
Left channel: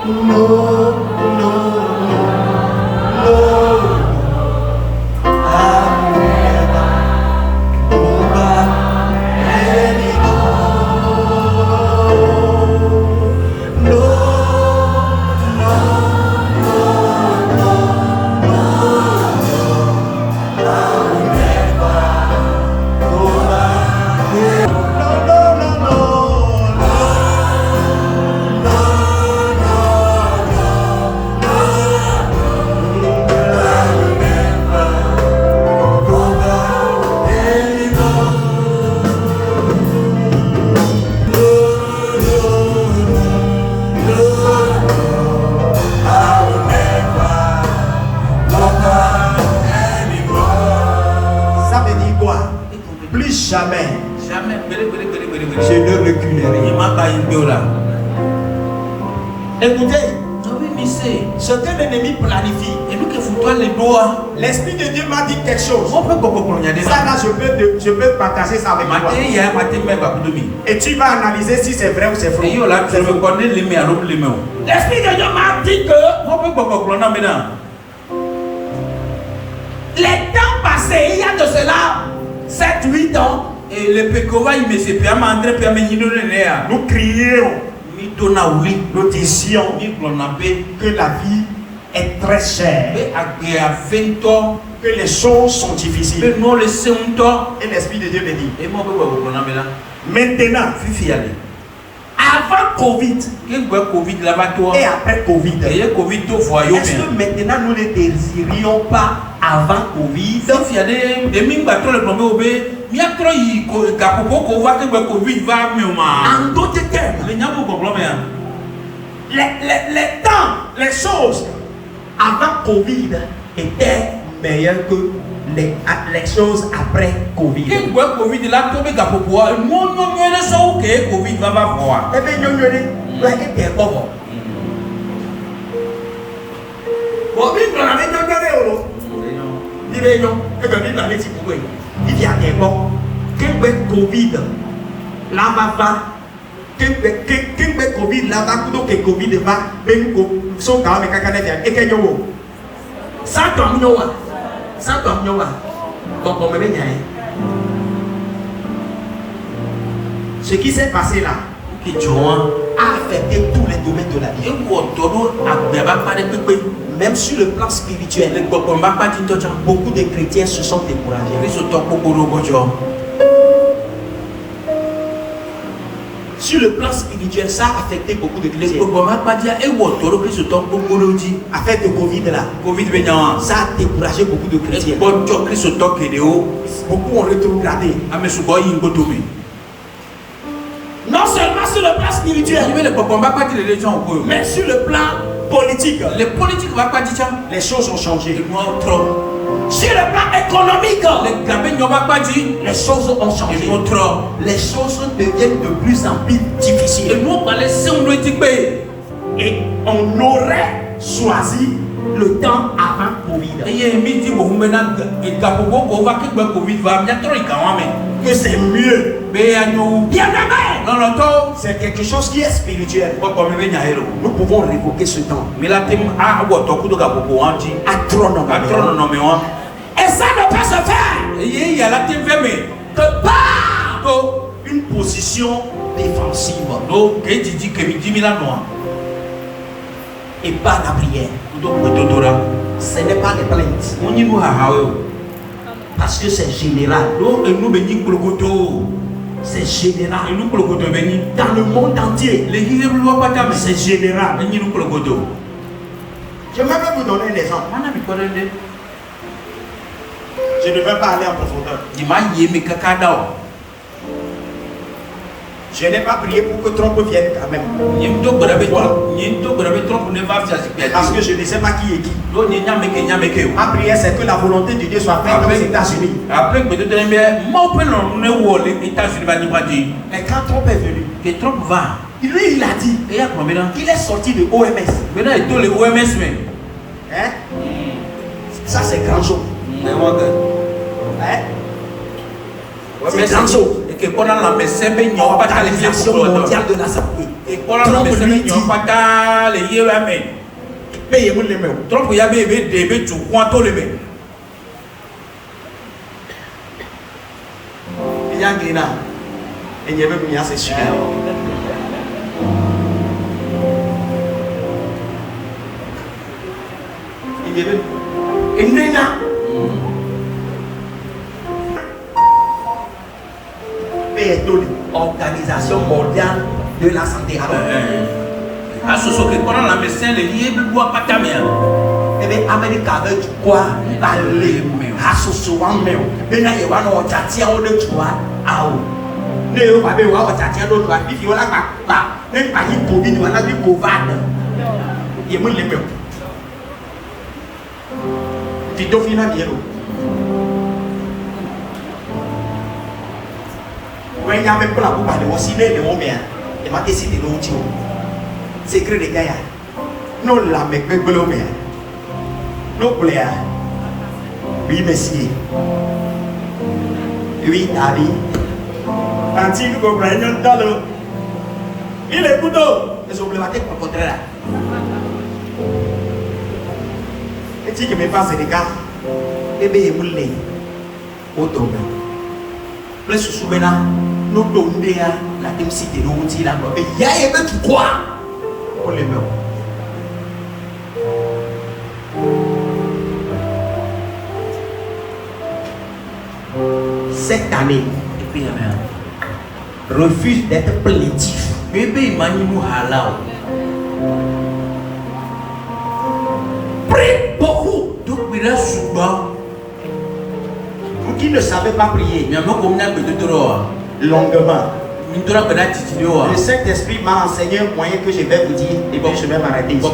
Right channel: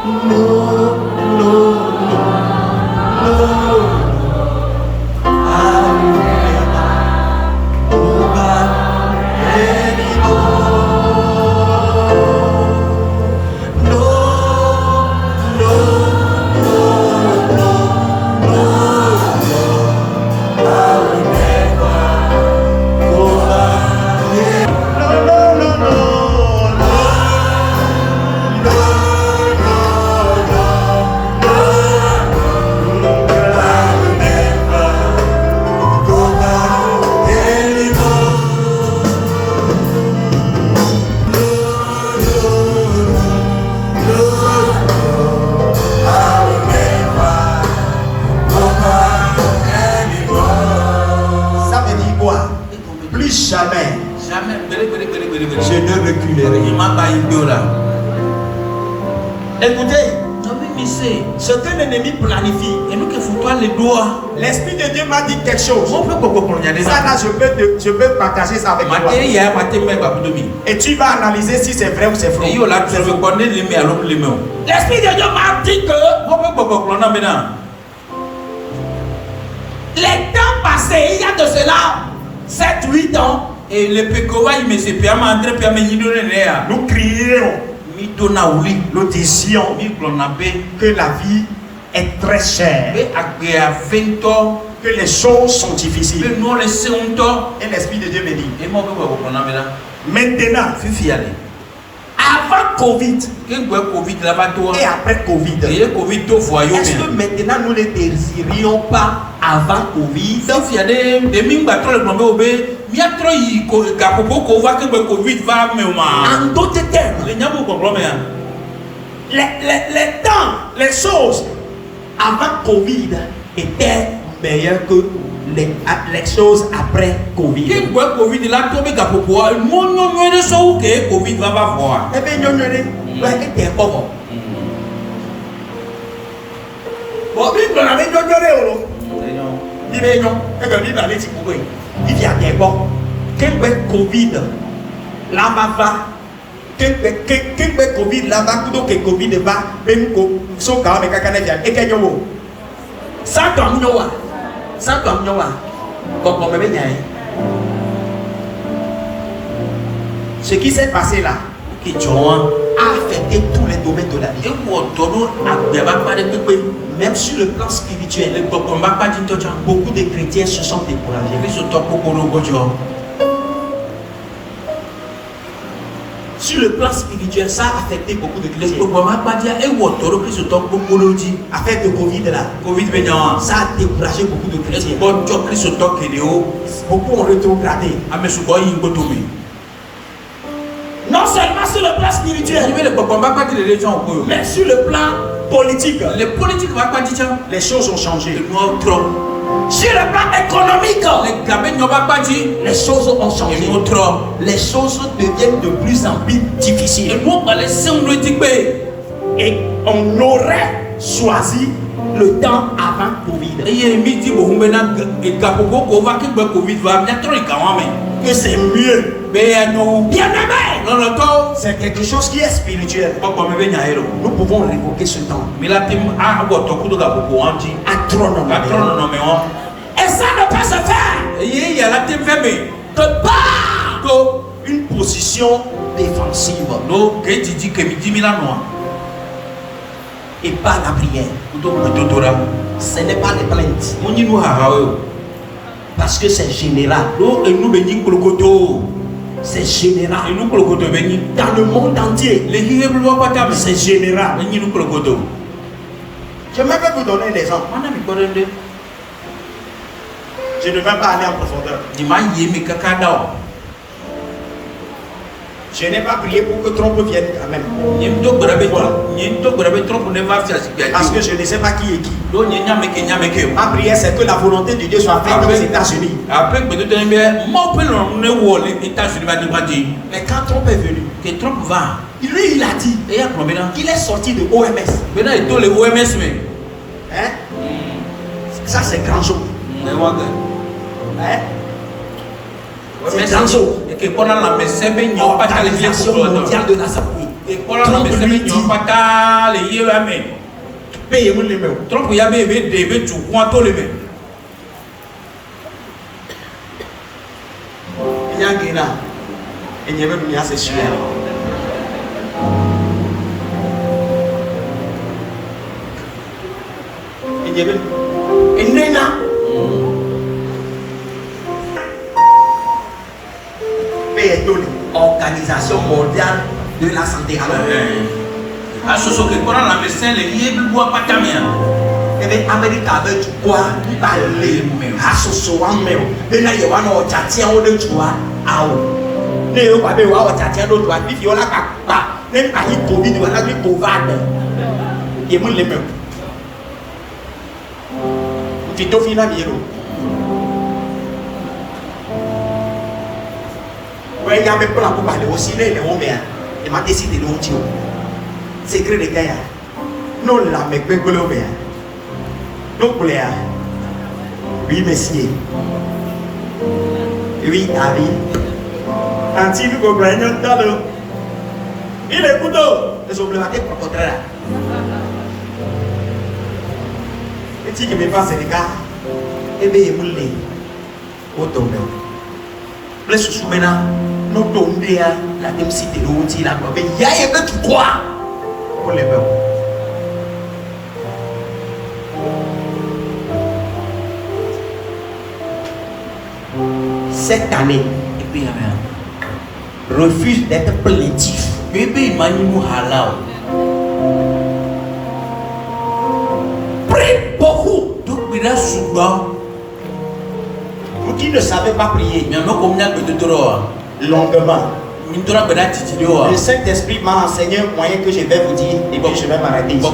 non, non, Ça veut dire quoi? Plus jamais. Jamais. Je ne reculerai. Il m'a pas eu là. Écoutez, Ah oui, mais c'est. ce que l'ennemi planifie, Et nous qui foutons les doigts. l'Esprit de Dieu m'a dit quelque chose. On peut pas comprendre Ça ça. là, je peux partager ça avec toi. Matin, il y a un matin, mais pas pour demi. Et tu vas analyser si c'est vrai ou c'est faux. Et yo là, tu veux connaître les mains, alors les mains. L'Esprit de Dieu m'a dit que On peut pas comprendre maintenant. les temps passés, il y a de cela 7-8 ans, Et le pécova, il me s'est bien mandé, puis il me dit non, non, Nous crions, Mi donna oui. nous disions Mi blonabé. que la vie est très chère, Mais après à 20 ans, que les choses sont difficiles. mais nous laissons un temps. Et l'Esprit de Dieu me dit, Et moi, je peux pas comprendre maintenant. maintenant, Fifi allez. avant Covid Quel quoi Covid là-bas, toi? et après Covid, Et Covid, toi, voyons. est-ce que maintenant nous ne désirions pas avant Covid? Fifi allez. Des mines bateaux le tombé au bé. Mi a trop y gapopo ko va que Covid va me ma. En d'autres termes, Les nyabou comprend bien. les temps, les choses avant Covid étaient meilleures que les choses après Covid. Quel quoi Covid là tombé gapopo. Non non mais de ça ou que Covid va pas voir. Eh bien, nous, était bon. Bon, Bible l'avait donné, il est non, et que Bible allait s'y couper. Il y a des bons. Quel Covid là-bas va. Quel Covid là-bas, tout que Covid va, même so quand même quelqu'un vient. Et quel yo? Ça comme yo, ça comme yo. Comme me vient. Ce qui s'est passé là, Qui joint. a affecté tous les domaines de la vie. Et quoi todo agbeba pas de pépé. Même sur le plan spirituel, Le papa m'a pas dit toi. beaucoup de chrétiens se sont découragés. Ils sont top pour gojo. Sur le plan spirituel, ça a affecté beaucoup de Le chrétiens. papa m'a pas dit et what todo que sont top pour gojo. Affaire de Covid là, Covid vient. ça a découragé beaucoup de chrétiens. Bon job que sont top vidéo. Beaucoup ont rétrogradé. A me subo yi gotobi. Non seulement sur le plan spirituel, Mais le papa m'a pas dit les gens au mais sur le plan politique, les politiques va pas dire ça. les choses ont changé. Le moi trop. Sur le plan économique, Les gabins ne va pas dire. les choses ont changé. Ils vont trop. Les choses deviennent de plus en plus Et difficiles. nous on va laisser un petit peu. Et on aurait choisi le temps avant Covid. Et il y a midi au Humbena et Gapogo ko va que Covid va bien trop quand même. Que c'est mieux. Mais à nous. Bien aimé, Non non toi. c'est quelque chose qui est spirituel. Pas comme me venir héros. Nous pouvons révoquer ce temps. Mais la team a what to Gapogo anti. Astronomie. Atron non mais on. Et ça ne peut se faire Et il y a la team fermée. que par une position défensive Donc, que tu dis que tu dis noir. et pas la prière. Ce n'est pas des plaintes. On y nous a Parce que c'est général. et nous bénis Kolokoto. C'est général. Et nous Kolokoto bénis. Dans le monde entier, Les Hébreux ne pas t'amener. c'est général. Et nous Kolokoto. J'aimerais vous donner des exemples. Je ne vais pas aller en profondeur. Il m'a yémé kakadao. Je n'ai pas prié pour que Trump vienne quand même. Parce que je ne sais pas qui est qui. Ma prière, c'est que la volonté de Dieu soit faite aux États-Unis. Mais quand Trump est venu, lui il a dit qu'il est sorti de OMS. Hein? Ça c'est grand chose. Hein? C'est grand chose. Organisation mondiale de la santé. Trump lui dit payez-moi les mains. Trump ya be de tu kwanto le me. Yangina. Et n'y avait pas de chien. Et n'y avait et Nena. Organisation mondiale de la santé. À ce que pendant la médecin les liés bois pas camien. Et bien Amérique avec du quoi aller à ce soir même. Mais là il y a un tati en de toi à où. Ne on va bien voir tati en de toi. Il faut la pas. Même pas il Covid voilà du Covid. Il est mon les mêmes. Tu dois finir bien. Il y a même pas la coupe de osciller les hommes. Et ma décidé de l'outil. Secret de Gaïa. Non, la mec, mais que l'on met. Non, Pléa. Oui, messieurs. Oui, David. Anti, nous comprenons un talent. Il est couteau. Les problématiques pour le contraire. Et si je me passe les gars, et bien, il moulé. Automne. Les sous-souvenirs. Nous donnons la densité de l'outil là. Mais il y a un peu de quoi pour les blancs. Cette année, refuse d'être plaintif. Bébé Manimu Halao. Prie beaucoup. Donc, il a souvent. Vous qui ne savez pas prier, Il y a un homme qui a longuement. Le Saint-Esprit m'a enseigné un moyen que je vais vous dire et puis je vais m'arrêter ici.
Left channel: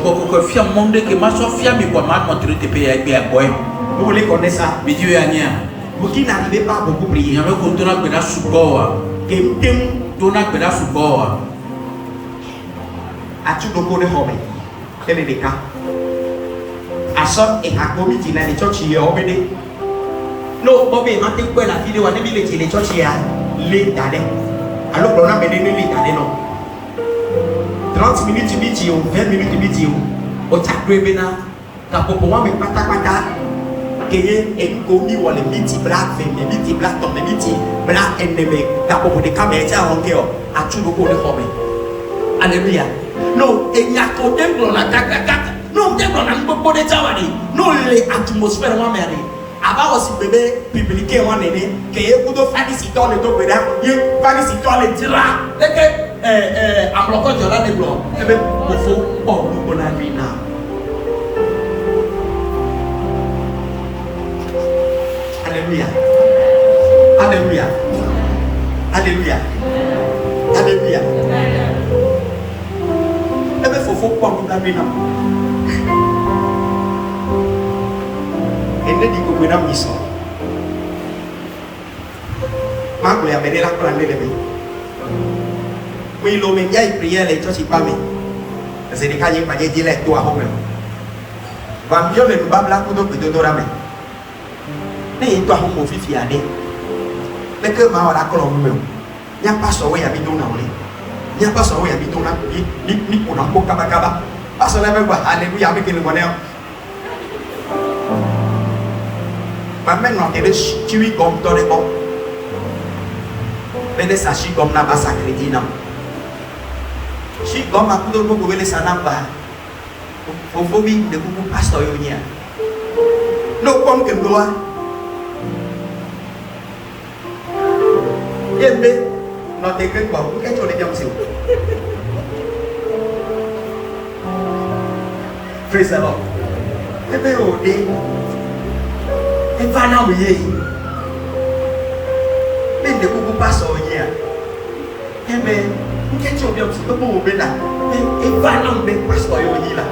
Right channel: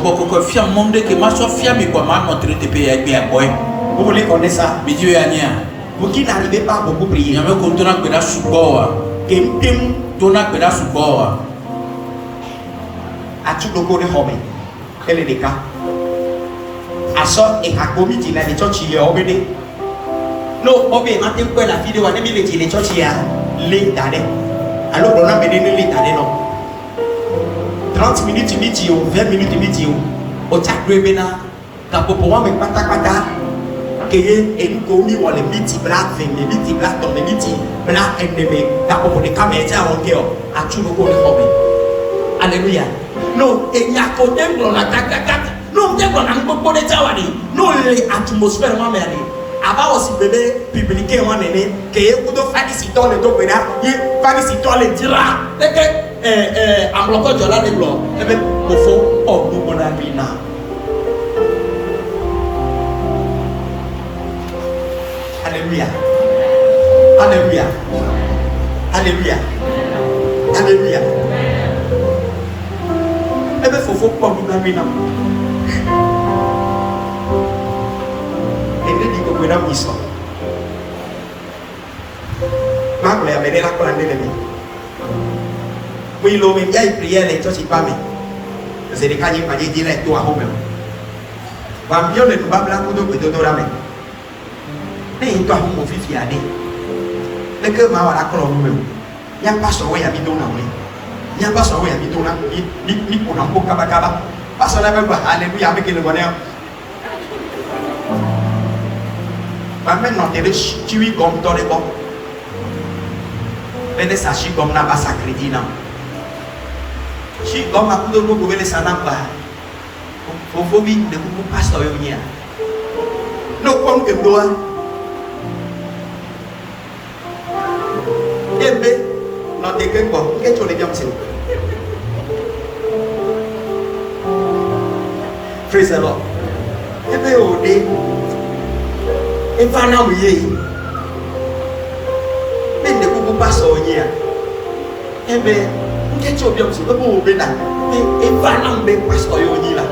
Vous voulez connaître ça? Vous qui n'arrivez pas à beaucoup prier, as-tu beaucoup de hobbies? Quel est le cas? Asa et Hakomi dit les church y obédé. Non, Bobby, maintenant que la vidéo a mis les church y a l'état. Alors qu'on a mené l'état non. 30 minutes vidéo, 20 minutes vidéo. Au tacré bena, Kapopoa me patakata. Keye et Komi ou les miti black, les miti black, les miti black ennemi. Kapopo de caméra en guerre. As-tu beaucoup de hobbies? Alléluia. Non, et il y a qu'au temple, on attaque. Non, temple, on a beaucoup de tawani. Non, l'atmosphère, on m'a dit. Avant aussi, bébé, publié, on est né. Que vous devez faire des citons, les deux, il va des citons, les dira. Dès que, en bloquant, je l'ai les blancs. Et même, au fond, oh, nous, on a vu là. Alléluia. Alléluia. Alléluia. Alléluia. Eh bien, il faut pas nous la vie. Et ne dit que vous n'avez pas ça. Ma mère m'a dit la plante de l'ennemi. Oui, l'homme y a une prière, les choses y pas mis. C'est des cas qui pas dit les toi au même. Va mieux le bas blanc de que de dorame. Mais toi on me fait fiader. Mais que ma wala colombe même. Il y a pas ça ouais habite on a. Il y a pas ça ouais habite on a. Ni on a beaucoup kaba. Parce que là même alléluia avec le bonheur. Maintenant, tu es comme dans les pommes. Mais ça chie comme n'a pas sa crédit non. Chie comme à coup de nous pouvez les s'en pas. Faut vite de coucou pasteur yonia. Non comme que doit. Eh ben, non t'es que quoi? Qu'est-ce que tu les dis? Praise the Lord. Eh ben, oh, et pas non oui. Mais de coucou pasteur yonia. Eh ben, qu'est-ce que tu dis? C'est bon, ben là. Et pas non ben pasteur yonia là.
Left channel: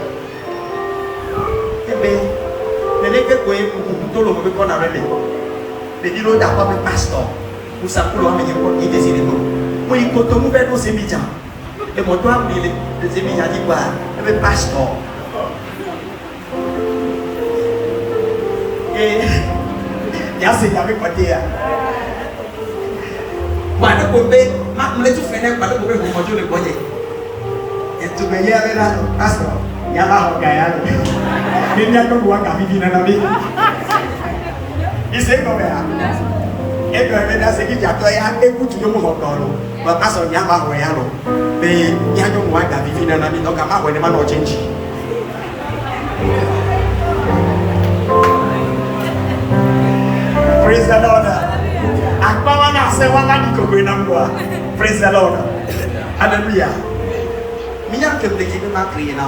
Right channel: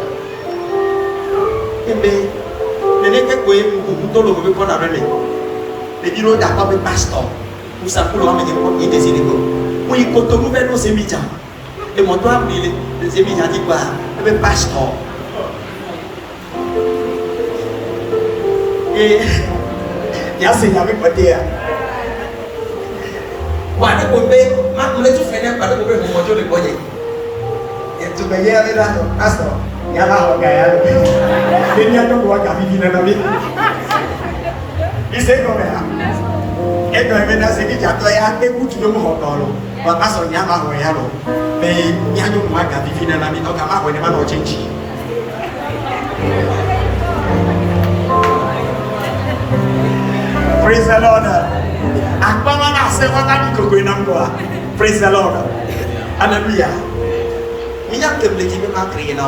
Eh bien, je n'ai que quoi vous le pouvez pas dans le nez. Les bilans d'accord avec pasteur. Nous savons que nous avons des éléments. Nous y comptons nous vers nos émigrants. Et mon doigt, les émigrants disent quoi? Le pasteur. Et il y a ces amis côté. Pas de côté, ma mère tu fais pas de côté pour monter le côté. Et tu me dis avec la pasteur. Il y a un gars. Il y a un gars qui vient dans la il sait comment faire. Et quand maintenant c'est qui a toi écoute le monde encore. Papa son y a pas ouais alors. Mais il y a un gars qui vient dans la vie donc à ma ouais non change. Praise the Lord. Akwa na se baba ni ko na mwa. Praise the Lord. Hallelujah. Il y a que le qui m'a créé là.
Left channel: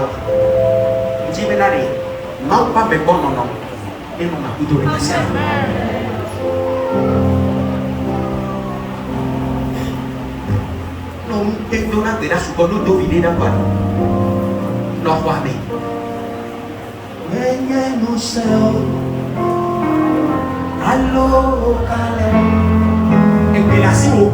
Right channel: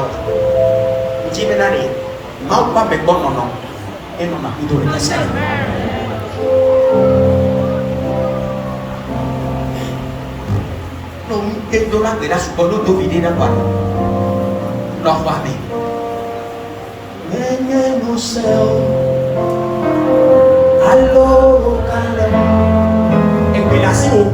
Non pas mais bon non et non a plutôt les passés non et dans la terre sur nous deviner là pas l'envoi mais nous sommes allô calme et puis là si vous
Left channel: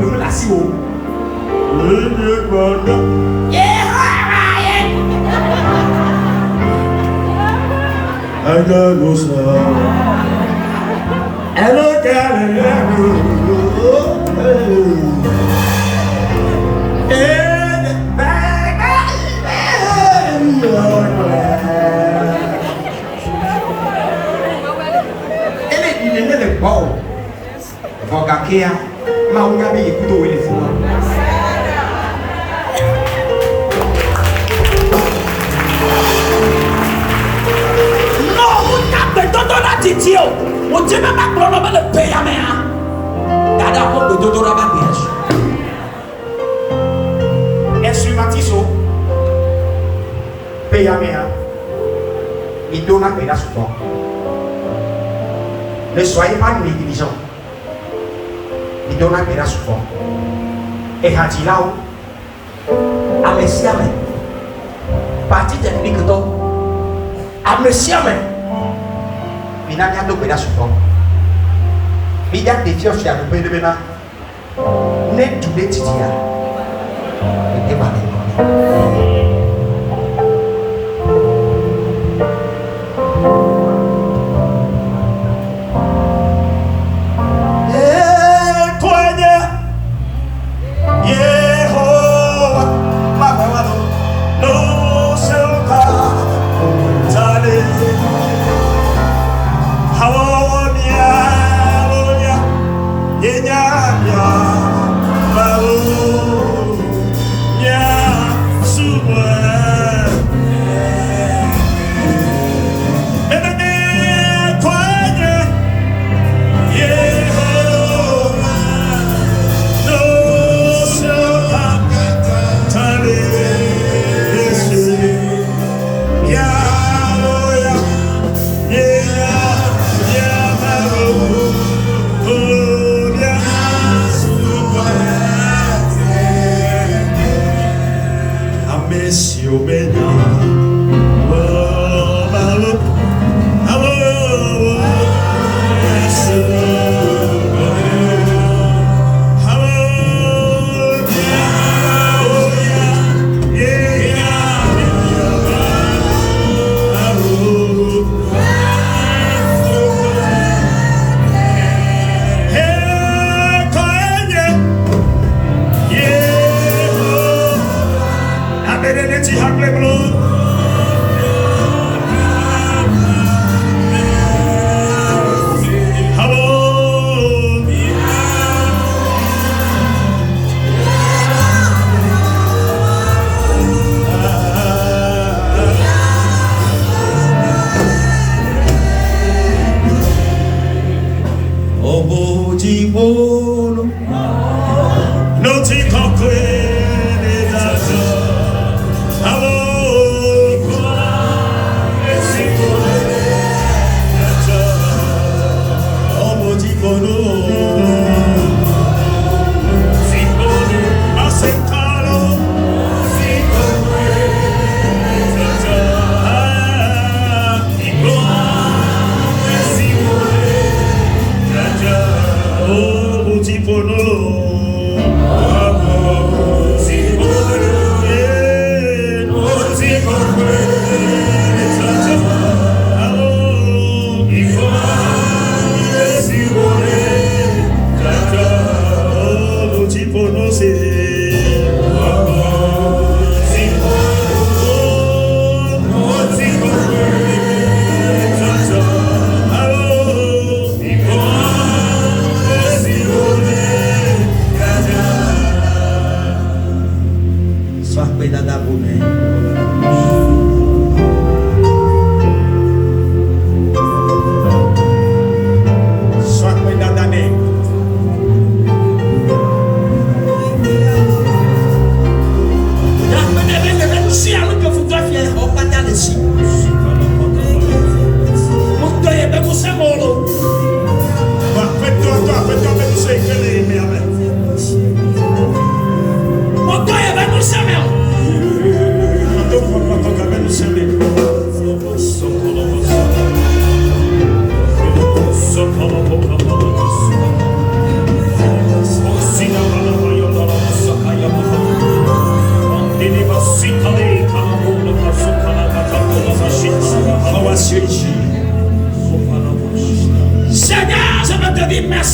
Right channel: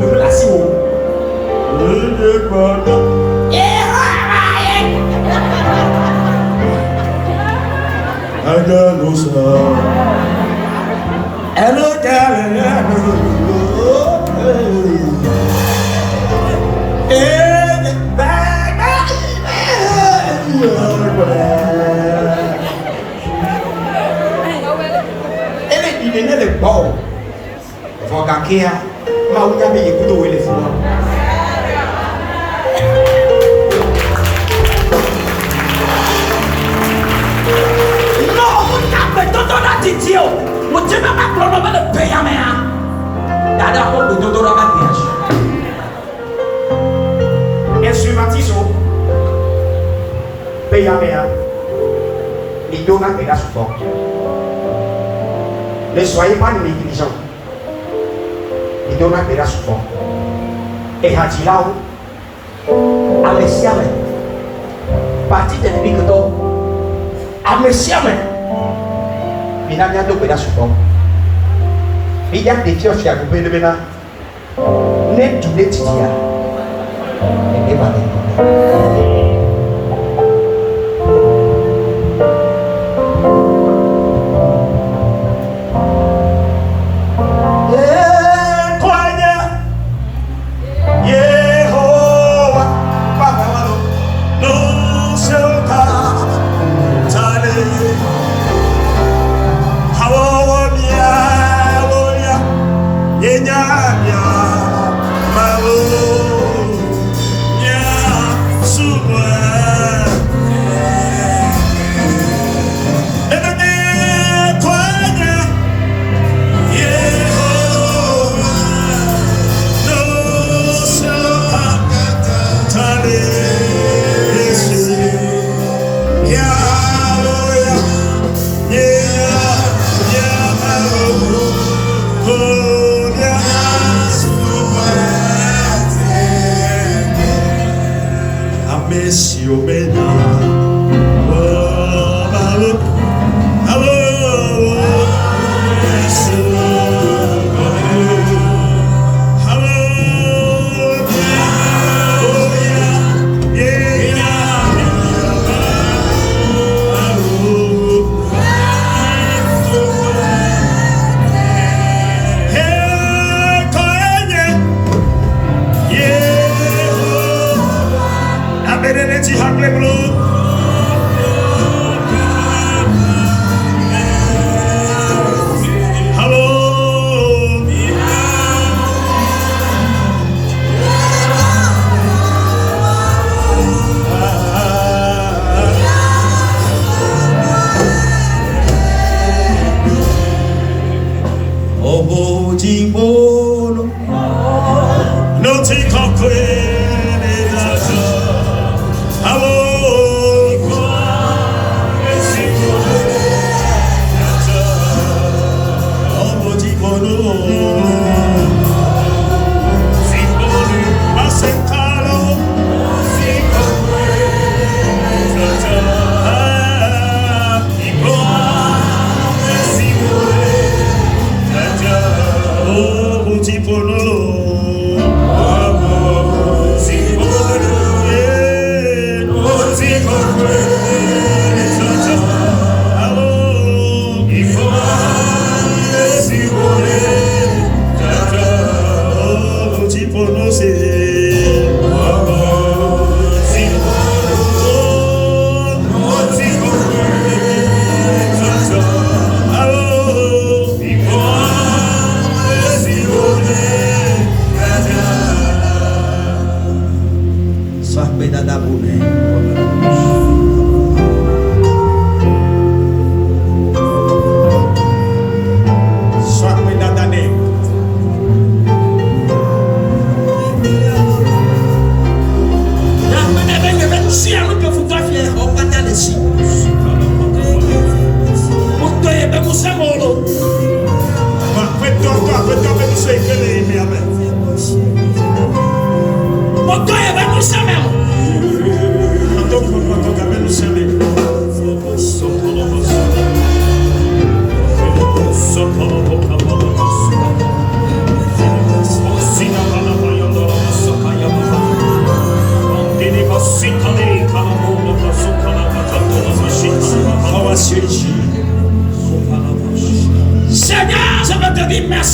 ne soyez pas négligents. Il donne un pédasse fort. Et Hatilao, Amesiame, partie technique d'or, Amesiame, il n'a qu'à deux pédasses fort. Il y a des fiers qui a coupé de maintenant. N'est tout des titia. Et démarrer. Hallelujah.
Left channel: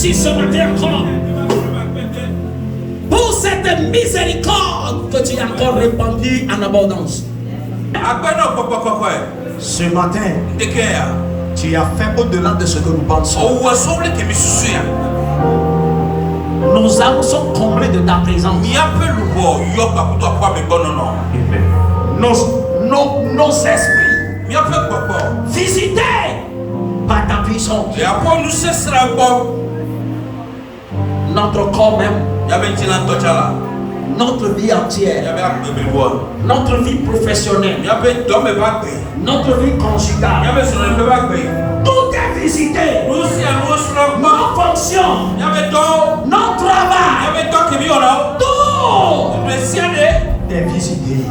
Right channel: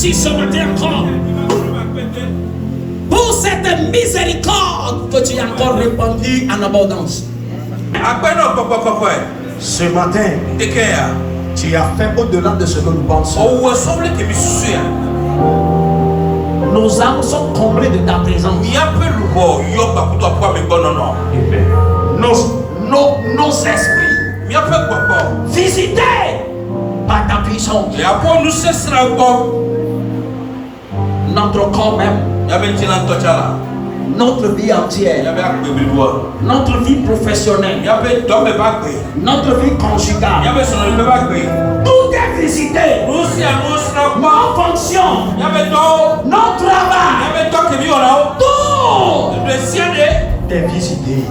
remercie ce matin encore pour cette miséricorde que tu as encore répandue en abondance. Ce matin, tu as fait au-delà de ce que nous pensons. Nos âmes sont comblées de ta présence. Nos esprits visités par ta puissance. Notre corps même, notre vie entière, notre vie professionnelle, notre vie conjugale, tout est visité. Nos fonctions, notre travail, tout est visité.